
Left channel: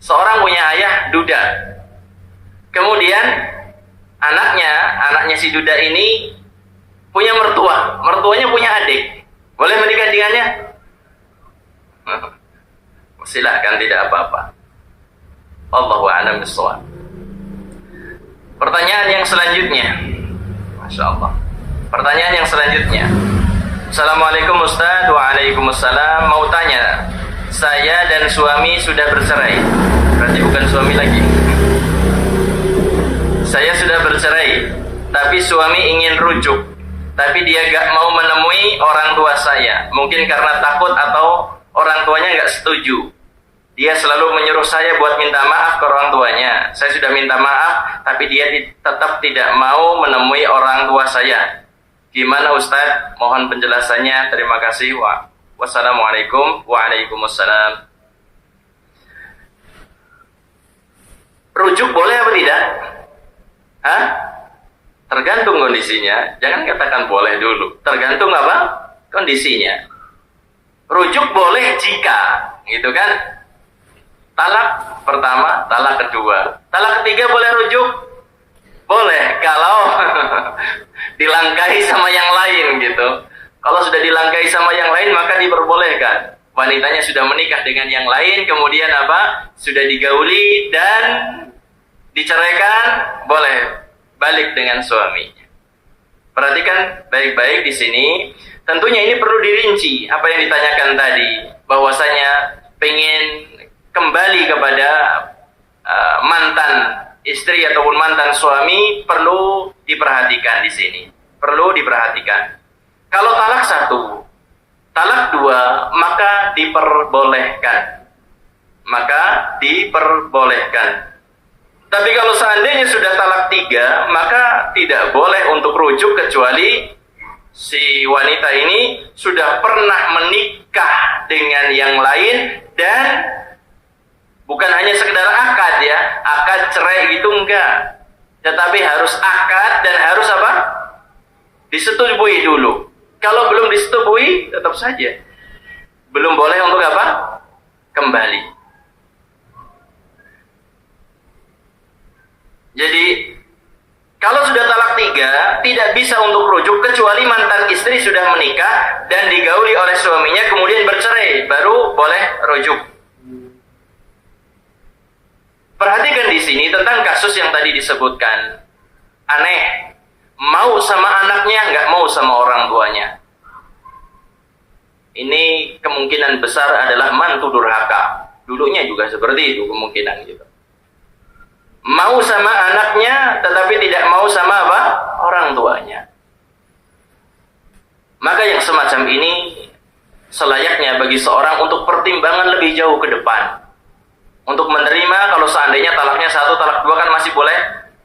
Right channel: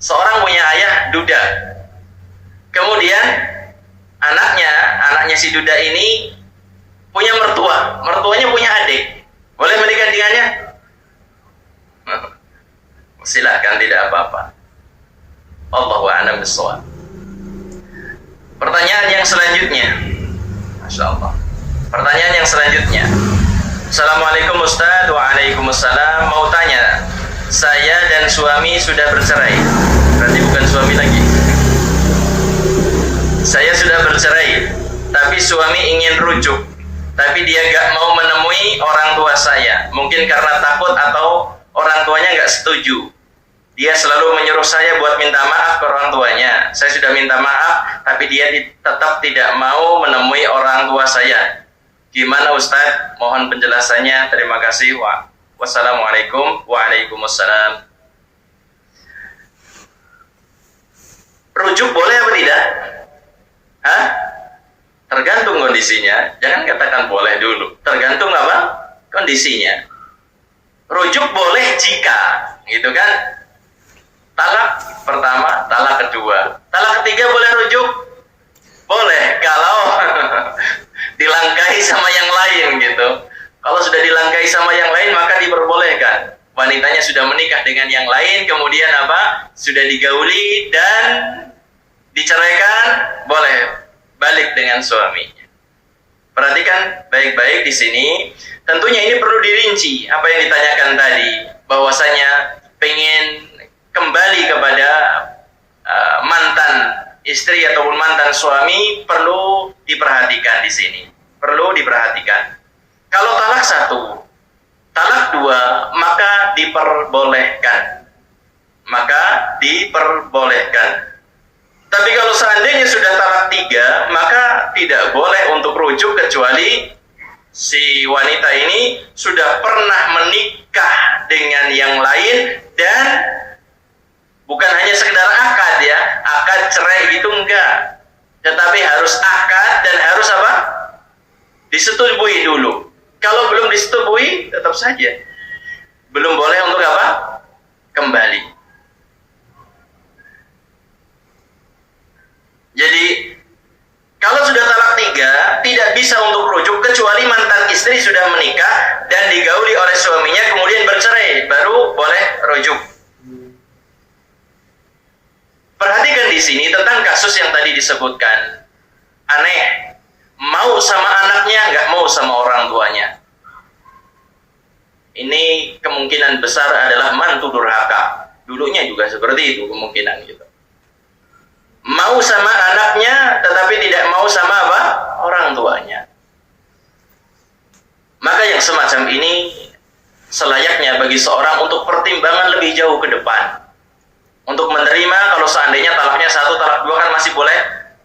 Seorang punya ayah duda. Kemudian anaknya si duda ini punya mertua. Mertuanya punya adik. Boleh menikah dengannya? Silakan, tidak apa-apa. Allahu a'lam bishawab. Pertanyaan yang selanjutnya. Masya Allah. Pertanyaan yang selanjutnya. Assalamualaikum Ustaz. Waalaikumsalam. Mau tanya, saya dan suami sudah bercerai. Berarti bukan suami lagi. Saya sudah bercerai, tapi suami ingin rujuk. Tapi dia gak mau menemui orang tua saya. Mungkin karena takut atau orang tuanya gak setuju. Dia selalu menyuruh saya buat minta maaf ke orang tuanya. Saya sudah minta maaf, tapi dia tetap tidak mau menemui orang tua saya. Gimana Ustadz? Mohon penjelasannya. Terima kasih. Wassalamualaikum. Waalaikumsalam. Rujuk boleh apa tidak? Hah? Tergantung kondisinya. Jangan katakan boleh dulu. Tergantung apa? Kondisinya. Rujuk boleh jika, gitu kan? Talak pertama, talak kedua. Talak ketiga boleh rujuk? Boleh, kalau dilangkahi sama yang lain gitu. Kalau sudah dilangkahi sama yang lain maka diperbolehkan. Wanitanya sudah menikah dengan yang lain, kemudian apa? Sudah digauli dan diceraikan, boleh balik dengan suaminya. Perhatikan baik-baik di sini. Tentunya ini perlu dirinci apa yang ditanyakan tadi, bahwasanya pengen kembali kepada mantan istri ataupun mantan suami, perlu diperhatikan di sini. Perlu diperhatikan. Kalau talak satu, talak dua, maka diperbolehkan. Maka diperbolehkan. Tapi kalau seandainya sudah talak tiga, maka tidak boleh untuk rujuk kecuali si wanita ini sudah pernah menikah dengan yang lain dan bukan hanya sekedar akad ya, akad cerai itu enggak. Tetapi harus akad dan harus apa? Disetujui dulu. Kalau belum disetujui, tetap saja belum boleh untuk apa? Kembali. Jadi kalau sudah talak tiga, tidak bisa untuk rujuk kecuali mantan istri sudah menikah dan digauli oleh suaminya kemudian bercerai, baru boleh rujuk. Perhatikan di sini tentang kasus yang tadi disebutkan. Aneh, mau sama anaknya, nggak mau sama orang tuanya. Ini kemungkinan besar adalah mantu durhaka. Dulunya juga seperti itu kemungkinan gitu. Mau sama anaknya, tetapi tidak mau sama apa? Orang tuanya. Maka yang semacam ini selayaknya bagi seorang untuk pertimbangan lebih jauh ke depan. Untuk menerima kalau seandainya talaknya satu, talak dua kan masih boleh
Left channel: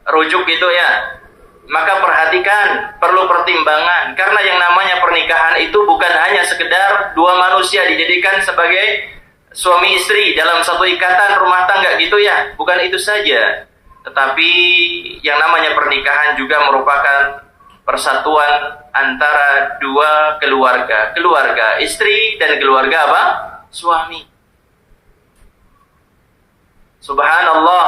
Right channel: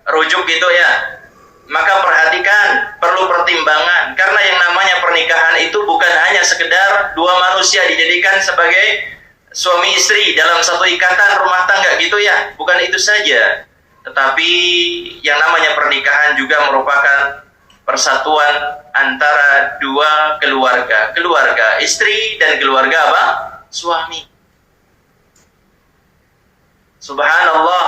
rujuk gitu ya. Maka perhatikan, perlu pertimbangan. Karena yang namanya pernikahan itu bukan hanya sekedar dua manusia dijadikan sebagai suami istri dalam satu ikatan rumah tangga gitu ya. Bukan itu saja. Tetapi yang namanya pernikahan juga merupakan persatuan antara dua keluarga. Keluarga istri dan keluarga apa? Suami. Subhanallah,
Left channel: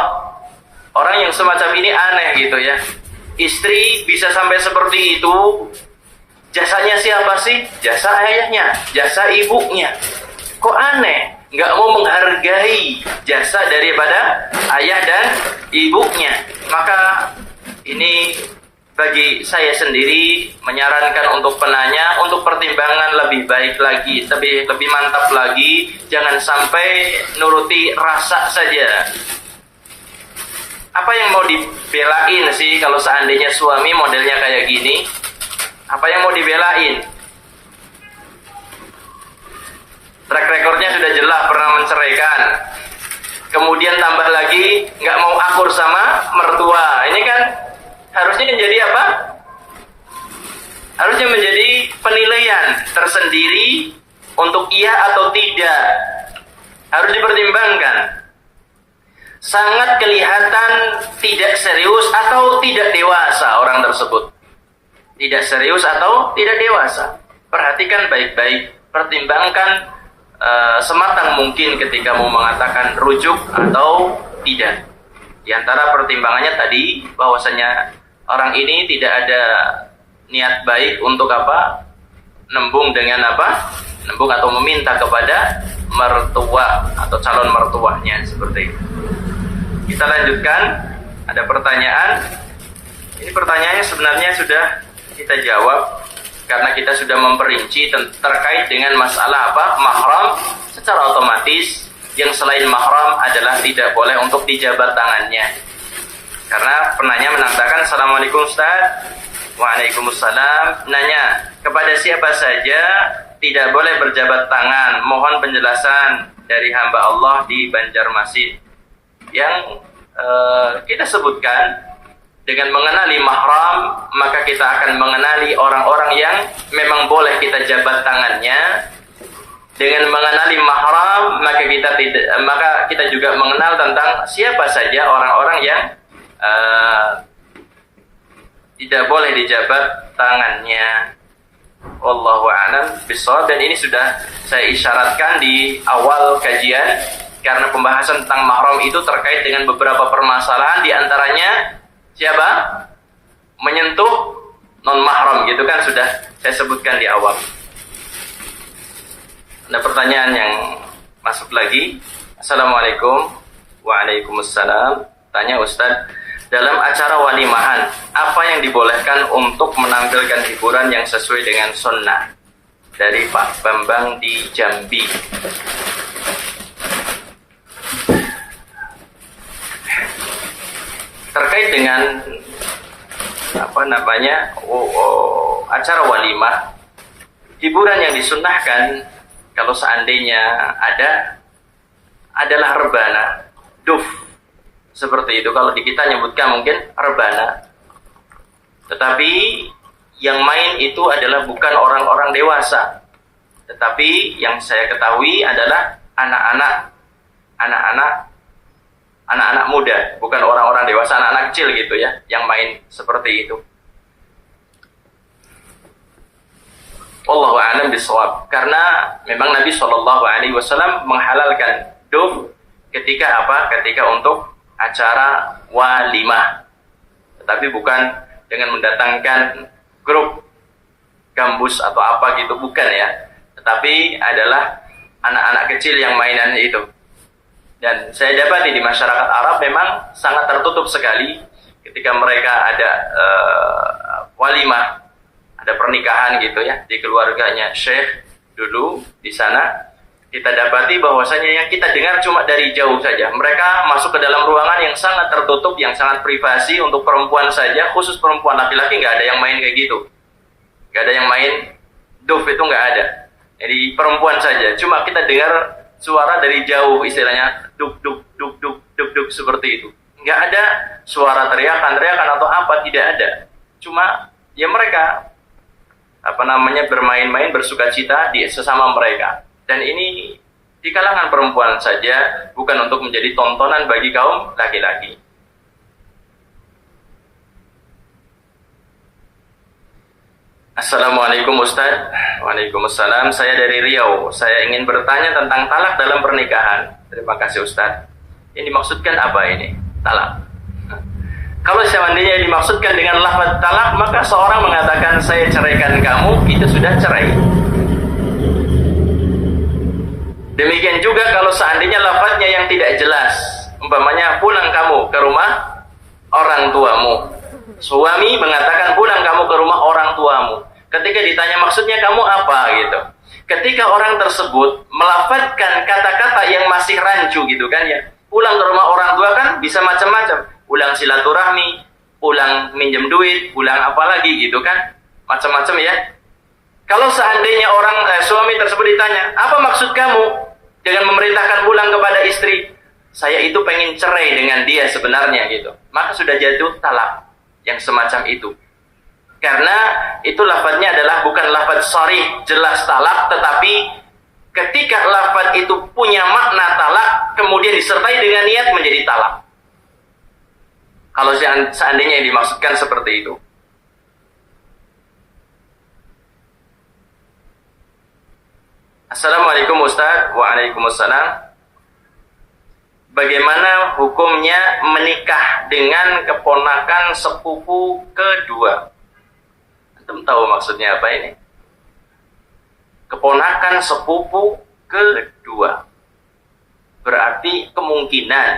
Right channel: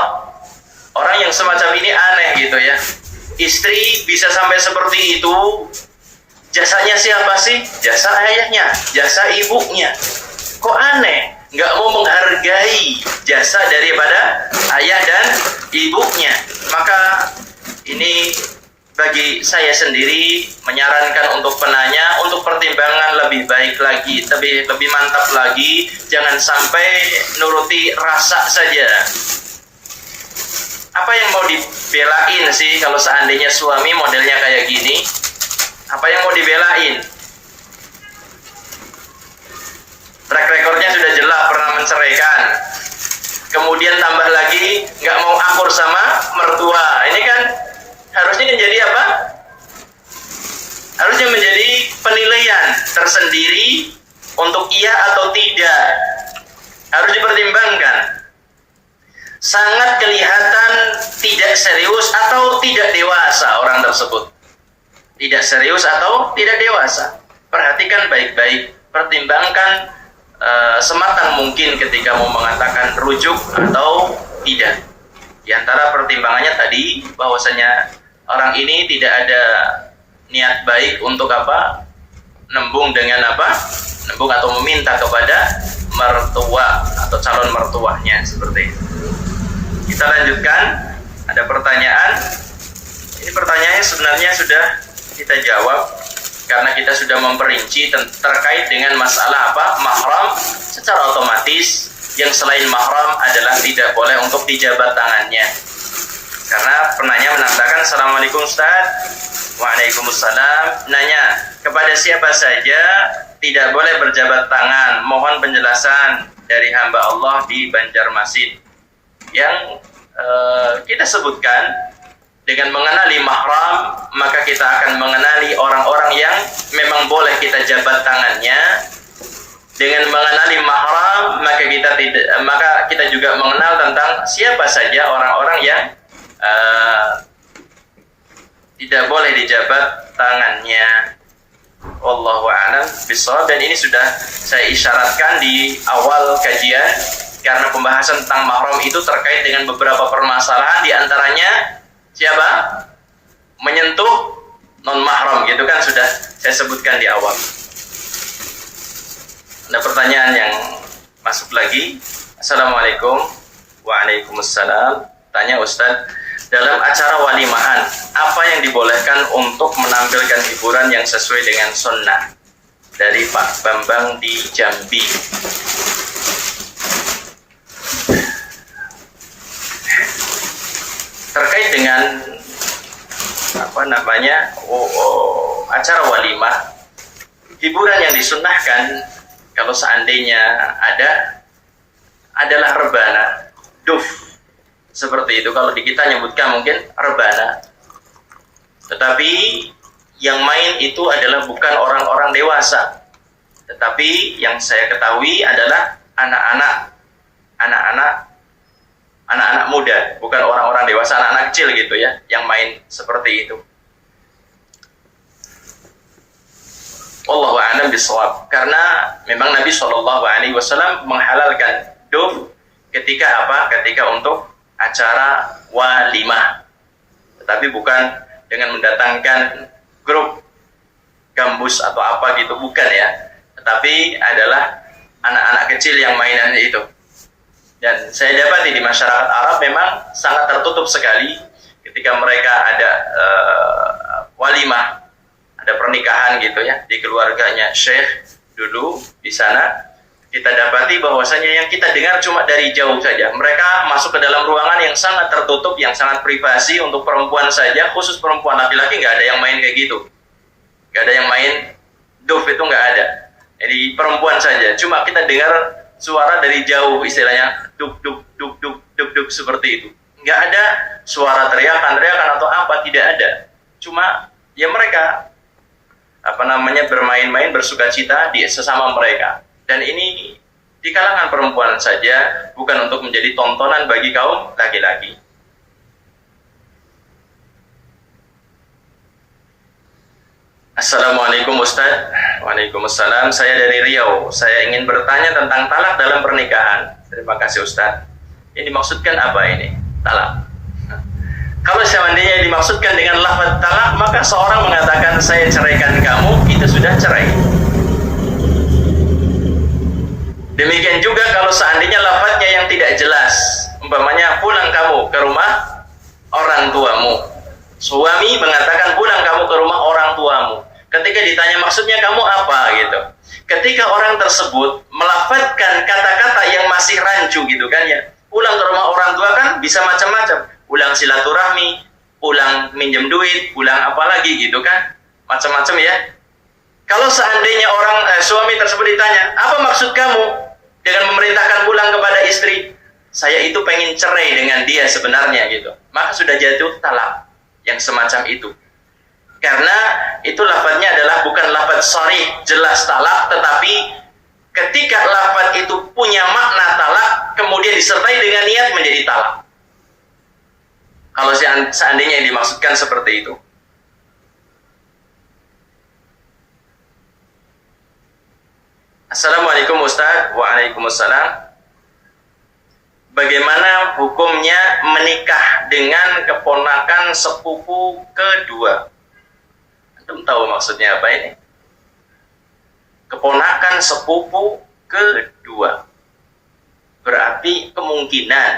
orang yang semacam ini aneh gitu ya. Istri bisa sampai seperti itu, jasanya siapa sih? Jasa ayahnya, jasa ibunya. Kok aneh? Nggak mau menghargai jasa daripada ayah dan ibunya. Maka ini bagi saya sendiri menyarankan untuk penanya untuk pertimbangan lebih baik lagi, lebih mantap lagi. Jangan sampai nuruti rasa saja. Apa yang mau dibelain sih kalau seandainya suami modelnya kayak gini? Apa yang mau dibelain? Track recordnya sudah jelas pernah menceraikan. Kemudian tambah lagi nggak mau akur sama mertua. Ini kan harusnya menjadi apa? Harusnya menjadi penilaian tersendiri untuk iya atau tidak. Harus dipertimbangkan. Sangat kelihatan tidak serius atau tidak dewasa orang tersebut. Tidak serius atau tidak dewasa. Perhatikan baik-baik, pertimbangkan sematang mungkin ketika mau mengatakan rujuk atau tidak. Di antara pertimbangannya tadi bahwasanya orang ini tidak ada niat baik untuk apa? Nembung dengan apa? Nembung atau meminta kepada mertua atau calon mertuanya seperti itu. Kita lanjutkan, ada pertanyaan. Ini pertanyaannya sebenarnya sudah kita jawab karena kita sudah memperinci terkait dengan masalah apa? Mahram. Secara otomatis yang selain mahram adalah tidak boleh untuk dijabat tangannya. Karena penanya mengatakan, Assalamualaikum Ustaz, Waalaikumsalam. Nanya, kepada siapa saja tidak boleh berjabat tangan? Mohon penjelasan dari hamba Allah di Banjarmasin. Yang kita sebutkan, dengan mengenali mahram, maka kita akan mengenali orang-orang yang memang boleh kita jabat tangannya. Dengan mengenali mahram, maka kita juga mengenal tentang siapa saja orang-orang yang tidak boleh dijabat tangannya. Wallahu a'lam bishawab. Dan ini sudah saya isyaratkan di awal kajian, karena pembahasan tentang mahram itu terkait dengan beberapa permasalahan, di antaranya siapa? Menyentuh non mahram, gitu kan, sudah saya sebutkan di awal. Ada pertanyaan yang masuk lagi. Assalamualaikum. Waalaikumsalam. Tanya Ustadz, dalam acara walimahan, apa yang dibolehkan untuk menampilkan hiburan yang sesuai dengan sunnah? Dari Pak Bambang di Jambi. Terkait dengan acara walimah, hiburan yang disunnahkan kalau seandainya adalah rebana, duf, seperti itu. Kalau di kita nyebutkan mungkin rebana, tetapi yang main itu adalah bukan orang-orang dewasa, tetapi yang saya ketahui adalah anak-anak muda, bukan orang-orang dewasa, anak-anak kecil gitu ya, yang main seperti itu. Wallahu a'lam bishawab. Karena memang Nabi SAW menghalalkan duf ketika apa? Ketika untuk acara walimah, tetapi bukan dengan mendatangkan grup gambus atau apa gitu, bukan ya, tetapi adalah anak-anak kecil yang mainannya itu. Dan saya dapati di masyarakat Arab memang sangat tertutup sekali ketika mereka ada walimah, ada pernikahan gitu ya, di keluarganya Syekh dulu di sana. Kita dapati bahwasanya yang kita dengar cuma dari jauh saja. Mereka masuk ke dalam ruangan yang sangat tertutup, yang sangat privasi untuk perempuan saja, khusus perempuan. Laki-laki nggak ada yang main kayak gitu. Nggak ada yang main duf, itu nggak ada. Jadi perempuan saja. Cuma kita dengar suara dari jauh, istilahnya duk duk duk duk duk duk seperti itu. Nggak ada suara teriakan atau apa, tidak ada. Cuma ya mereka bermain-main, bersukacita di sesama mereka. Dan ini di kalangan perempuan saja, bukan untuk menjadi tontonan bagi kaum laki-laki. Assalamualaikum Ustaz. Waalaikumsalam. Saya dari Riau. Saya ingin bertanya tentang talak dalam pernikahan. Terima kasih Ustaz. Yang dimaksudkan apa ini? Talak. Kalau seandainya dimaksudkan dengan lafaz talak, maka seorang mengatakan saya ceraikan kamu, itu sudah cerai. Demikian juga kalau seandainya lafaznya yang tidak jelas, umpamanya pulang kamu ke rumah orang tuamu. Suami mengatakan pulang kamu ke rumah orang tuamu. Ketika ditanya maksudnya kamu apa gitu. Ketika orang tersebut melafazkan kata-kata yang masih rancu gitu kan ya. Pulang ke rumah orang tua kan bisa macam-macam. Pulang silaturahmi, pulang minjem duit, pulang apa lagi gitu kan. Macam-macam ya. Kalau seandainya suami tersebut ditanya, apa maksud kamu dengan memerintahkan pulang kepada istri? Saya itu pengen cerai dengan dia sebenarnya gitu. Maka sudah jatuh talak yang semacam itu. Karena itu lafadznya adalah bukan lafadz sharih jelas talak, tetapi ketika lafadz itu punya makna talak, kemudian disertai dengan niat menjadi talak. Kalau seandainya yang dimaksudkan seperti itu. Assalamualaikum Ustaz. Waalaikumsalam. Bagaimana hukumnya menikah dengan keponakan sepupu kedua? Antum tahu maksudnya apa ini? Keponakan sepupu kedua. Berarti kemungkinan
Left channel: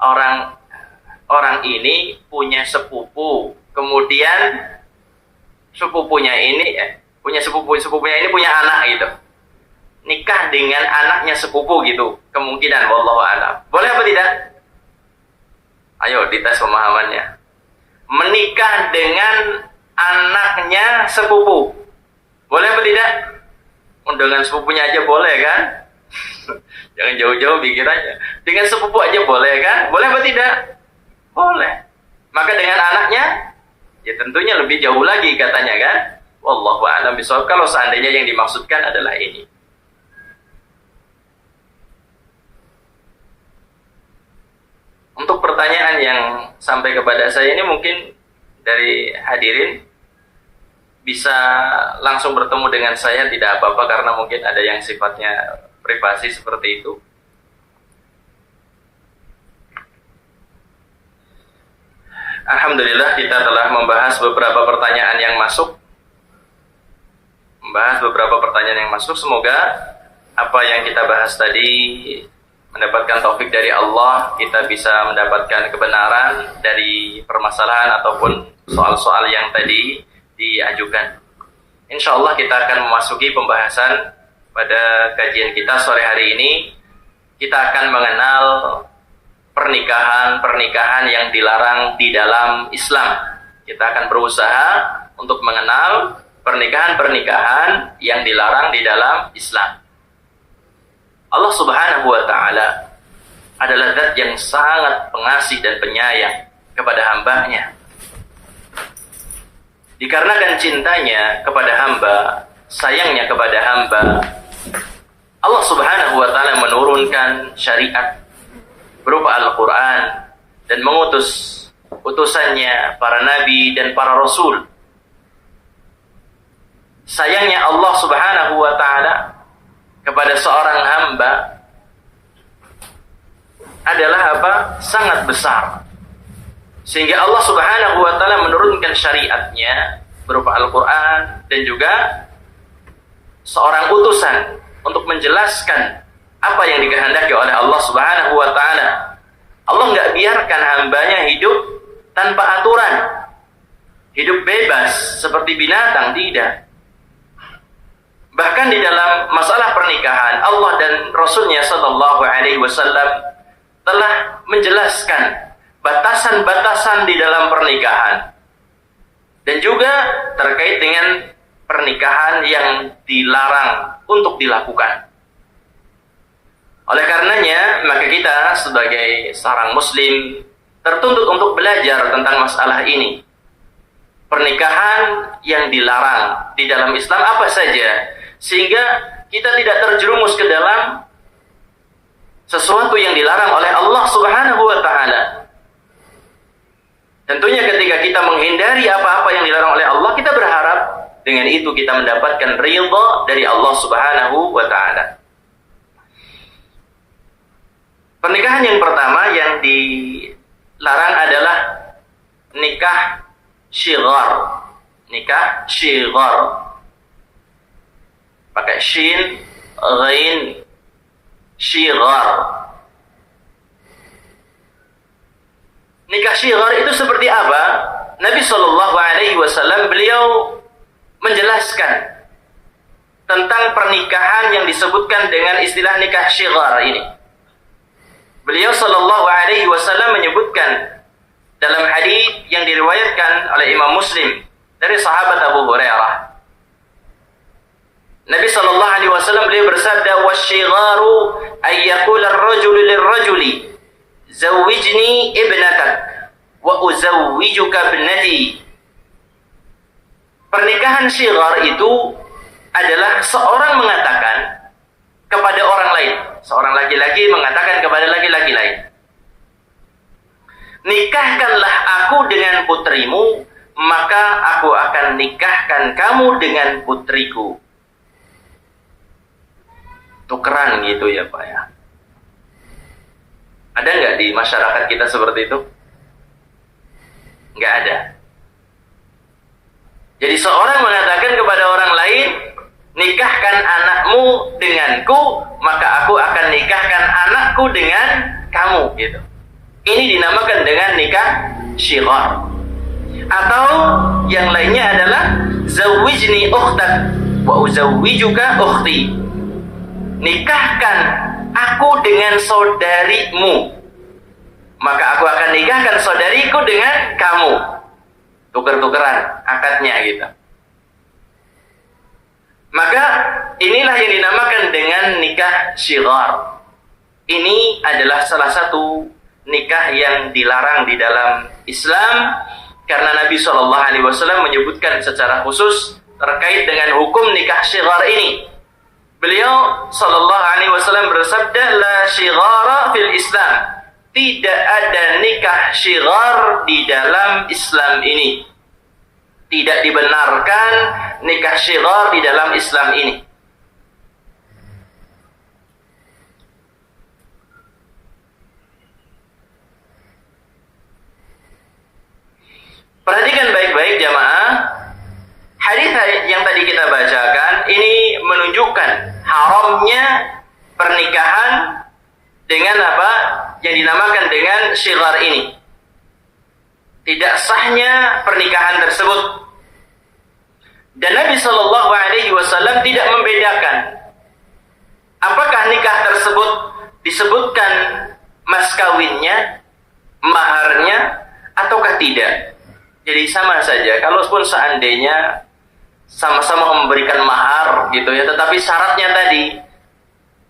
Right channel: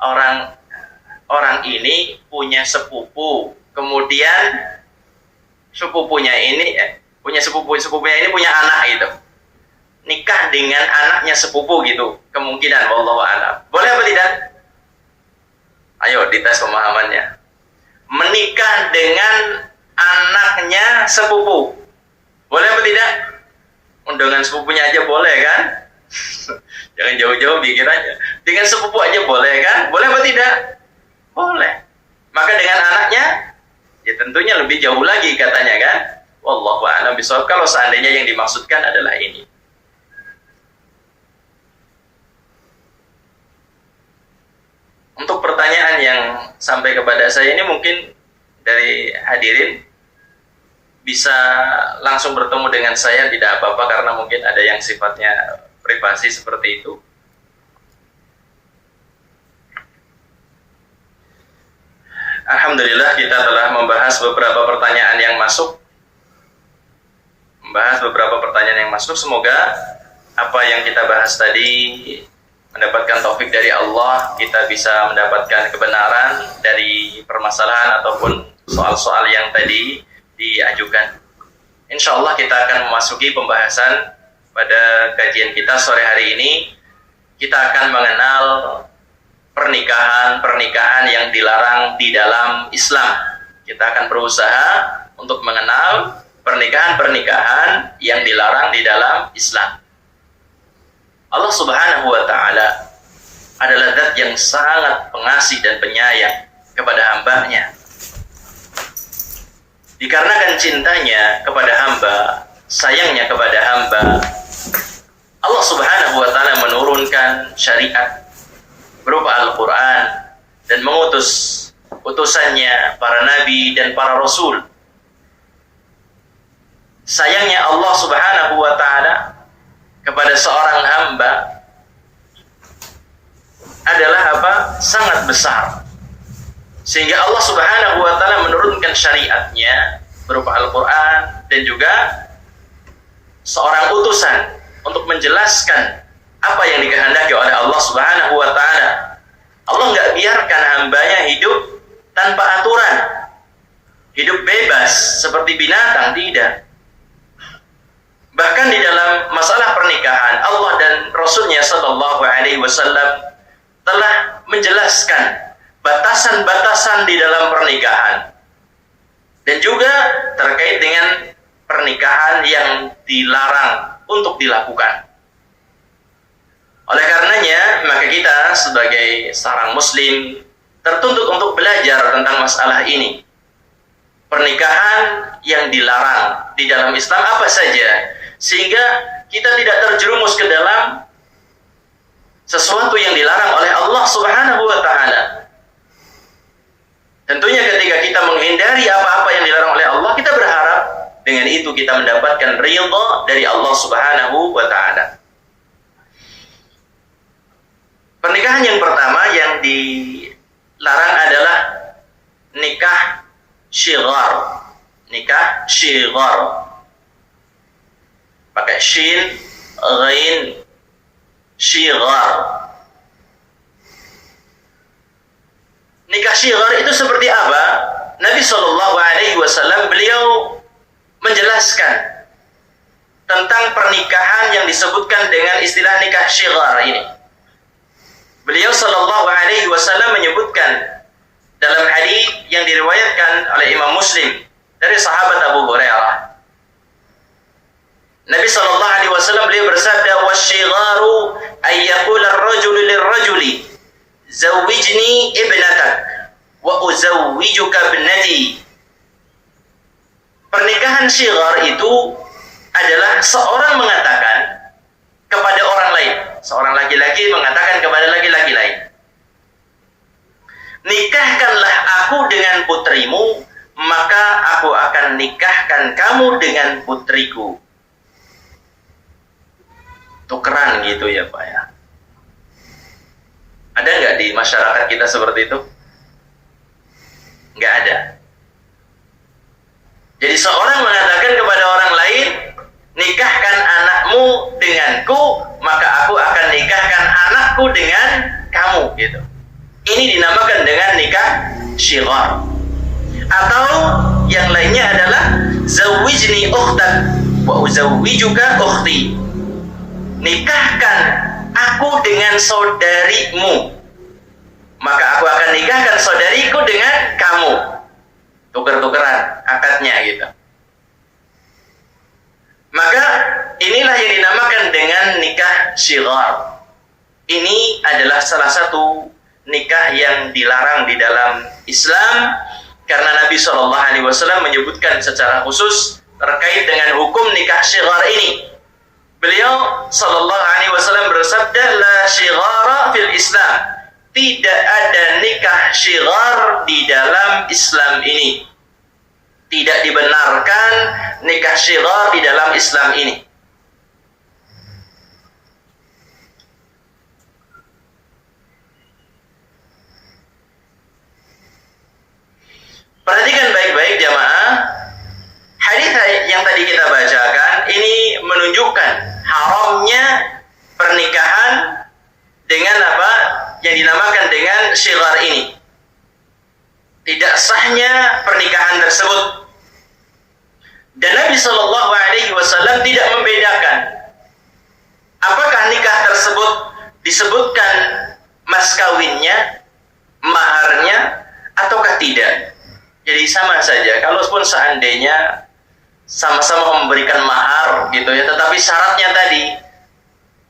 orang ini punya sepupu, kemudian sepupunya ini sepupunya ini punya anak gitu. Nikah dengan anaknya sepupu gitu, kemungkinan wallahu a'lam. Boleh apa tidak? Ayo dites pemahamannya. Menikah dengan anaknya sepupu. Boleh apa tidak? Undangan sepupunya aja boleh kan? Jangan jauh-jauh pikirannya. Dengan sepupu aja boleh kan? Boleh apa tidak? Boleh. Maka dengan anaknya, ya tentunya lebih jauh lagi katanya kan? Wallahu a'lam bishawab. Kalau seandainya yang dimaksudkan adalah ini. Untuk pertanyaan yang sampai kepada saya ini mungkin dari hadirin bisa langsung bertemu dengan saya, tidak apa-apa karena mungkin ada yang sifatnya privasi seperti itu. Alhamdulillah kita telah membahas beberapa pertanyaan yang masuk. Semoga apa yang kita bahas tadi mendapatkan taufik dari Allah, kita bisa mendapatkan kebenaran dari permasalahan ataupun soal-soal yang tadi diajukan. Insya Allah kita akan memasuki pembahasan pada kajian kita sore hari ini. Kita akan mengenal pernikahan yang dilarang di dalam Islam. Kita akan berusaha untuk mengenal pernikahan yang dilarang di dalam Islam. Allah Subhanahu wa Ta'ala adalah zat yang sangat pengasih dan penyayang kepada hambanya. Dikarenakan cintanya kepada hamba, sayangnya kepada hamba, Allah Subhanahu wa Ta'ala menurunkan syariat berupa Al-Quran dan mengutus utusannya para nabi dan para rasul. Sayangnya Allah Subhanahu wa Ta'ala kepada seorang hamba adalah sangat besar, sehingga Allah Subhanahu wa Ta'ala menurunkan syariatnya berupa Al-Quran dan juga seorang utusan untuk menjelaskan apa yang dikehendaki oleh Allah Subhanahu wa Ta'ala. Allah nggak biarkan hambanya hidup tanpa aturan, hidup bebas seperti binatang, tidak. Bahkan di dalam masalah pernikahan, Allah dan Rasulnya Sallallahu Alaihi Wasallam telah menjelaskan batasan-batasan di dalam pernikahan dan juga terkait dengan pernikahan yang dilarang untuk dilakukan. Oleh karenanya, maka kita sebagai seorang muslim tertuntut untuk belajar tentang masalah ini. Pernikahan yang dilarang di dalam Islam apa saja, sehingga kita tidak terjerumus ke dalam sesuatu yang dilarang oleh Allah Subhanahu wa Ta'ala. Tentunya ketika kita menghindari apa-apa yang dilarang oleh Allah, kita berharap dengan itu kita mendapatkan ridha dari Allah Subhanahu wa Ta'ala. Pernikahan yang pertama yang dilarang adalah nikah syighar. Nikah syighar. Pakai shin, ghain, syighar. Nikah syighar itu seperti apa? Nabi Shallallahu Alaihi Wasallam beliau menjelaskan tentang pernikahan yang disebutkan dengan istilah nikah syighar ini. Beliau Shallallahu Alaihi Wasallam menyebutkan dalam hadis yang diriwayatkan oleh Imam Muslim dari sahabat Abu Hurairah. Nabi Shallallahu Alaihi Wasallam beliau bersabda, "Wasyigharu ayyakul ar-rajulu lir-rajuli, zawwijni ibnatak, wa uzawwijuka ibnati." Pernikahan syighar itu adalah seorang mengatakan kepada orang lain, seorang laki-laki mengatakan kepada laki-laki lain, "Nikahkanlah aku dengan putrimu, maka aku akan nikahkan kamu dengan putriku." Tukeran gitu ya Pak ya. Ada nggak di masyarakat kita seperti itu? Nggak ada. Jadi seorang mengatakan kepada orang lain, "Nikahkan anakmu denganku, maka aku akan nikahkan anakku dengan kamu," gitu. Ini dinamakan dengan nikah syighar. Atau yang lainnya adalah zawwijni ukhtak wa uzawwijuka ukhti. Nikahkan aku dengan saudarimu, maka aku akan nikahkan saudariku dengan kamu. tuker-tukeran akadnya gitu. Maka inilah yang dinamakan dengan nikah syighar. Ini adalah salah satu nikah yang dilarang di dalam Islam karena Nabi SAW menyebutkan secara khusus terkait dengan hukum nikah syighar ini. Beliau SAW bersabda, la syighara fil Islam. Tidak ada nikah syighar di dalam Islam ini. Tidak dibenarkan nikah syighar di dalam Islam ini. Perhatikan baik-baik jamaah. Hadis yang tadi kita bacakan ini menunjukkan haramnya pernikahan dengan apa yang dinamakan dengan syighar ini. Tidak sahnya pernikahan tersebut. Dan Nabi SAW tidak membedakan apakah nikah tersebut disebutkan mas kawinnya, maharnya, ataukah tidak. Jadi sama saja, kalaupun seandainya sama-sama memberikan mahar gitu ya, tetapi syaratnya tadi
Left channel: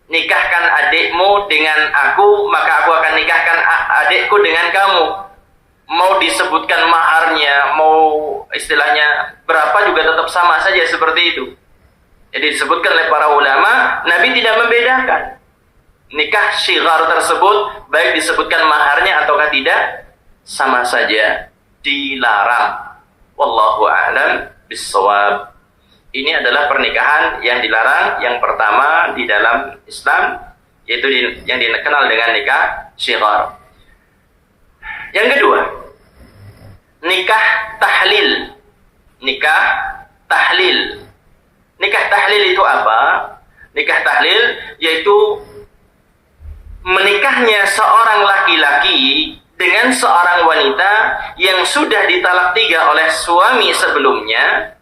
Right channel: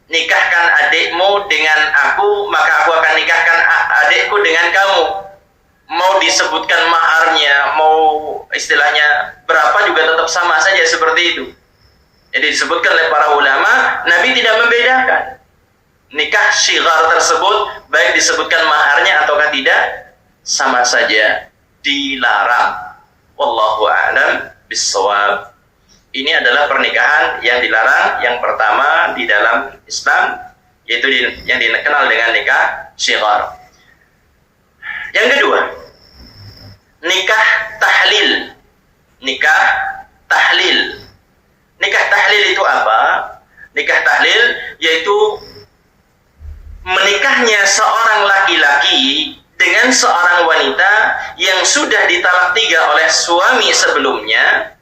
nikahkan adikmu dengan aku, maka aku akan nikahkan adikku dengan kamu. Mau disebutkan maharnya, mau istilahnya berapa juga tetap sama saja seperti itu. Jadi disebutkan oleh para ulama, Nabi tidak membedakan nikah syighar tersebut baik disebutkan maharnya ataukah tidak, sama saja dilarang. Wallahu a'lam bissawab. Ini adalah pernikahan yang dilarang yang pertama di dalam Islam, yaitu yang dikenal dengan nikah syighar. Yang kedua, nikah tahlil. Nikah tahlil. Nikah tahlil itu apa? Nikah tahlil yaitu menikahnya seorang laki-laki dengan seorang wanita yang sudah ditalak 3 oleh suami sebelumnya,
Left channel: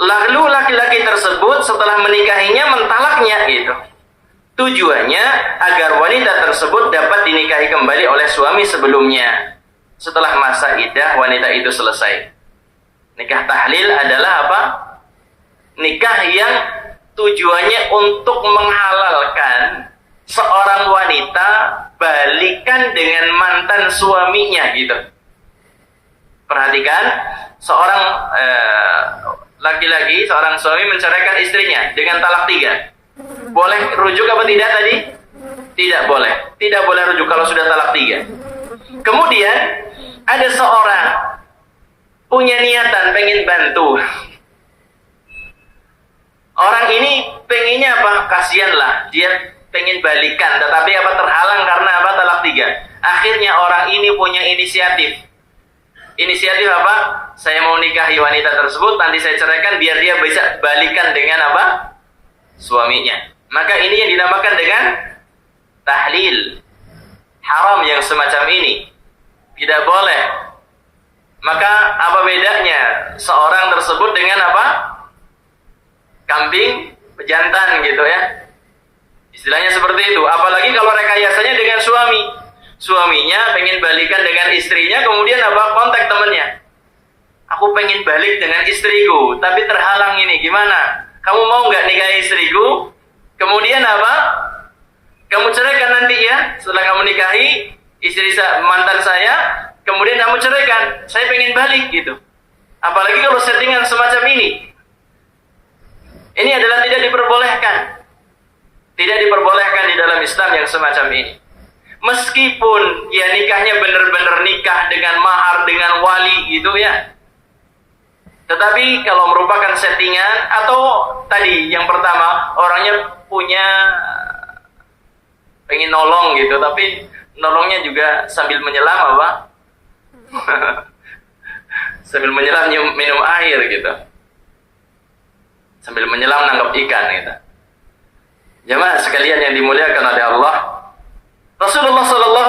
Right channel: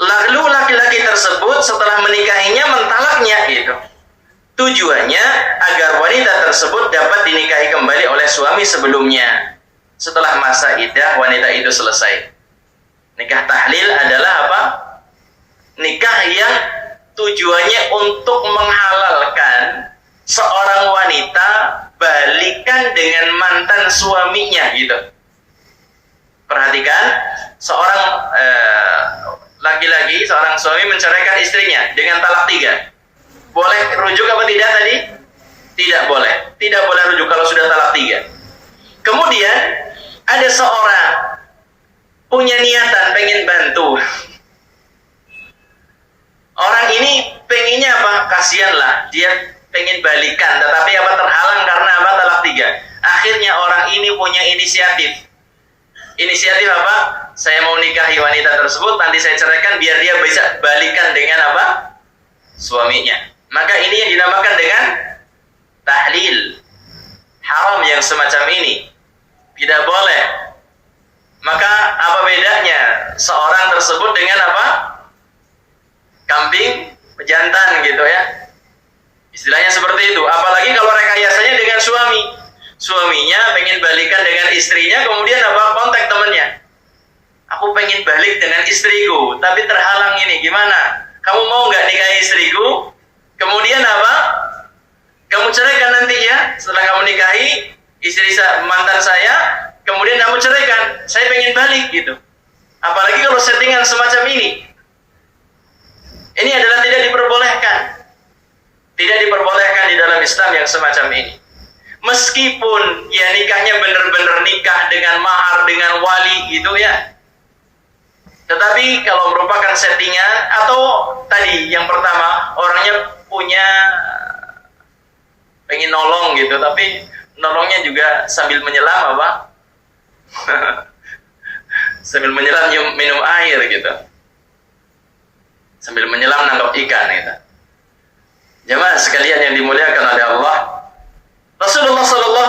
lalu laki-laki tersebut setelah menikahinya mentalaknya itu. Tujuannya agar wanita tersebut dapat dinikahi kembali oleh suami sebelumnya setelah masa iddah wanita itu selesai. Nikah tahlil adalah apa? Nikah yang tujuannya untuk menghalalkan seorang wanita balikan dengan mantan suaminya gitu. Perhatikan, seorang laki-laki, seorang suami menceraikan istrinya dengan talak 3. Boleh rujuk apa tidak tadi? Tidak boleh. Tidak boleh rujuk kalau sudah talak 3. Kemudian ada seorang punya niatan pengen bantu. Orang ini pengennya apa? Kasihanlah, dia pengen balikan, tetapi apa terhalang karena apa? Talak 3. Akhirnya orang ini punya inisiatif. Inisiatif apa? Saya mau nikahi wanita tersebut, nanti saya ceraikan biar dia bisa balikan dengan apa? Suaminya. Maka ini yang dinamakan dengan tahlil. Haram yang semacam ini. Tidak boleh. Maka apa bedanya seorang tersebut dengan apa? Kambing pejantan gitu ya. Istilahnya seperti itu. Apalagi kalau rekayasanya dengan suami. Suaminya pengen balikan dengan istrinya, kemudian apa? Kontak temannya. Aku pengen balik dengan istriku, tapi terhalang ini. Gimana? Kamu mau nggak nikahi istriku? Kemudian apa? Kamu ceraikan nanti ya. Setelah kamu nikahi istri mantan saya, kemudian kamu ceraikan. Saya pengen balik gitu. Apalagi kalau settingan semacam ini. Ini adalah tidak diperbolehkan. Tidak diperbolehkan di dalam Islam yang semacam ini. Meskipun ya nikahnya benar-benar nikah dengan mahar, dengan wali gitu ya. Tetapi kalau merupakan settingan atau tadi yang pertama orangnya punya pengen nolong gitu, tapi nolongnya juga sambil menyelam apa? Sambil menyelam minum air gitu. Sambil menyelam nangkap ikan gitu. Jemaah sekalian yang dimuliakan oleh Allah, Rasulullah SAW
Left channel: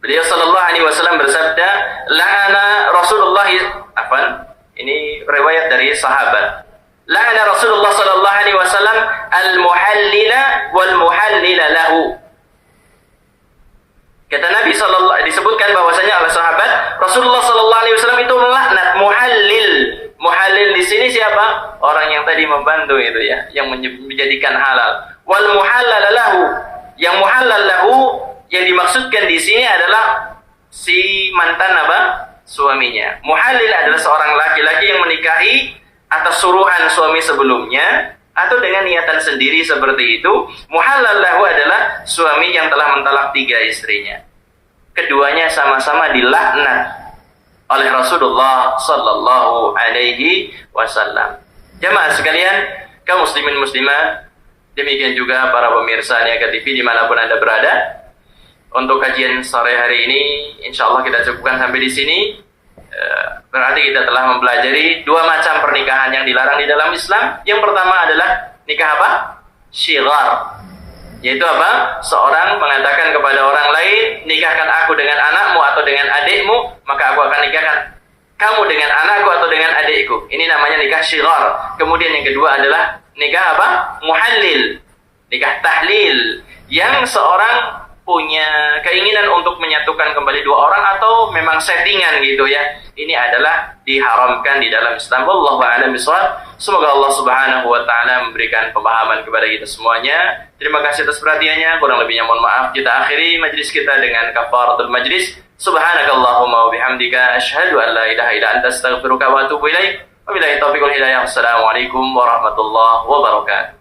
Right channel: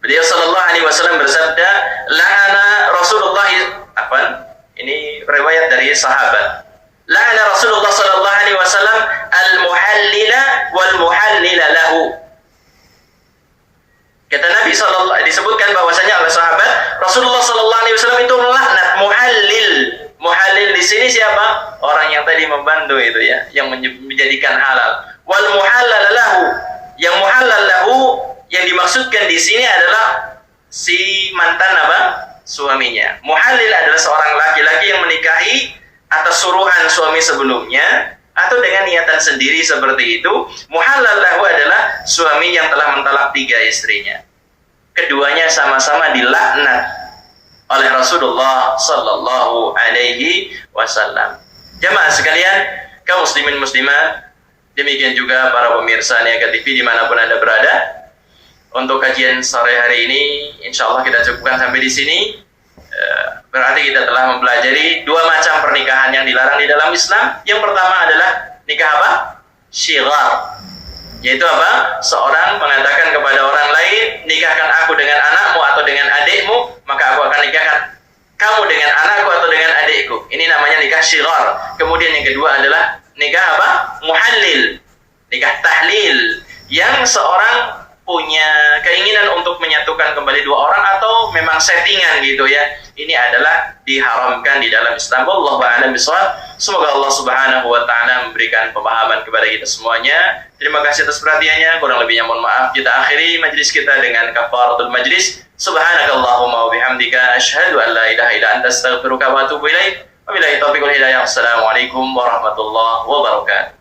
beliau sallallahu alaihi wasallam bersabda, la'ana Rasulullah, ini riwayat dari sahabat. La'ana Rasulullah sallallahu alaihi wasallam al-muhallila wal muhallila lahu. Kata Nabi disebutkan disebutkan bahwasanya oleh sahabat Rasulullah sallallahu alaihi wasallam itu melaknat muhallil. Muhallil di sini siapa? Orang yang tadi membantu itu ya, yang menjadikan halal. Wal muhallal lahu. Yang muhallal lahu yang dimaksudkan di sini adalah si mantan apa? Suaminya. Muhallil adalah seorang laki-laki yang menikahi atas suruhan suami sebelumnya atau dengan niatan sendiri seperti itu. Muhallal lahu adalah suami yang telah mentalak 3 istrinya. Keduanya sama-sama dilaknat oleh Rasulullah sallallahu alaihi wasallam. Jamaah sekalian, kaum muslimin muslimat, demikian juga para pemirsa Niaga TV dimanapun Anda berada. Untuk kajian sore hari ini, insya Allah kita cukupkan sampai di sini. Berarti kita telah mempelajari 2 macam pernikahan yang dilarang di dalam Islam. Yang pertama adalah nikah apa? Syighar. Yaitu apa? Seorang mengatakan kepada orang lain, nikahkan aku dengan anakmu atau dengan adikmu, maka aku akan nikahkan kamu dengan anakku atau dengan adikku. Ini namanya nikah syighar. Kemudian yang kedua adalah nikah apa? Muhallil. Nikah tahlil. Yang seorang punya keinginan untuk menyatukan kembali 2 orang atau memang settingan gitu ya. Ini adalah diharamkan di dalam Islam. Wallahu a'lam bishawab. Semoga Allah Subhanahu wa taala memberikan pemahaman kepada kita semuanya. Terima kasih atas perhatiannya. Kurang lebihnya mohon maaf. Kita akhiri majlis kita dengan kafaratul majlis. Subhanakallahumma wa bihamdika asyhadu an la ilaha illa anta astaghfiruka wa atubu ilaik. Wabillahi taufiq wal hidayah. Assalamualaikum warahmatullahi wabarakatuh.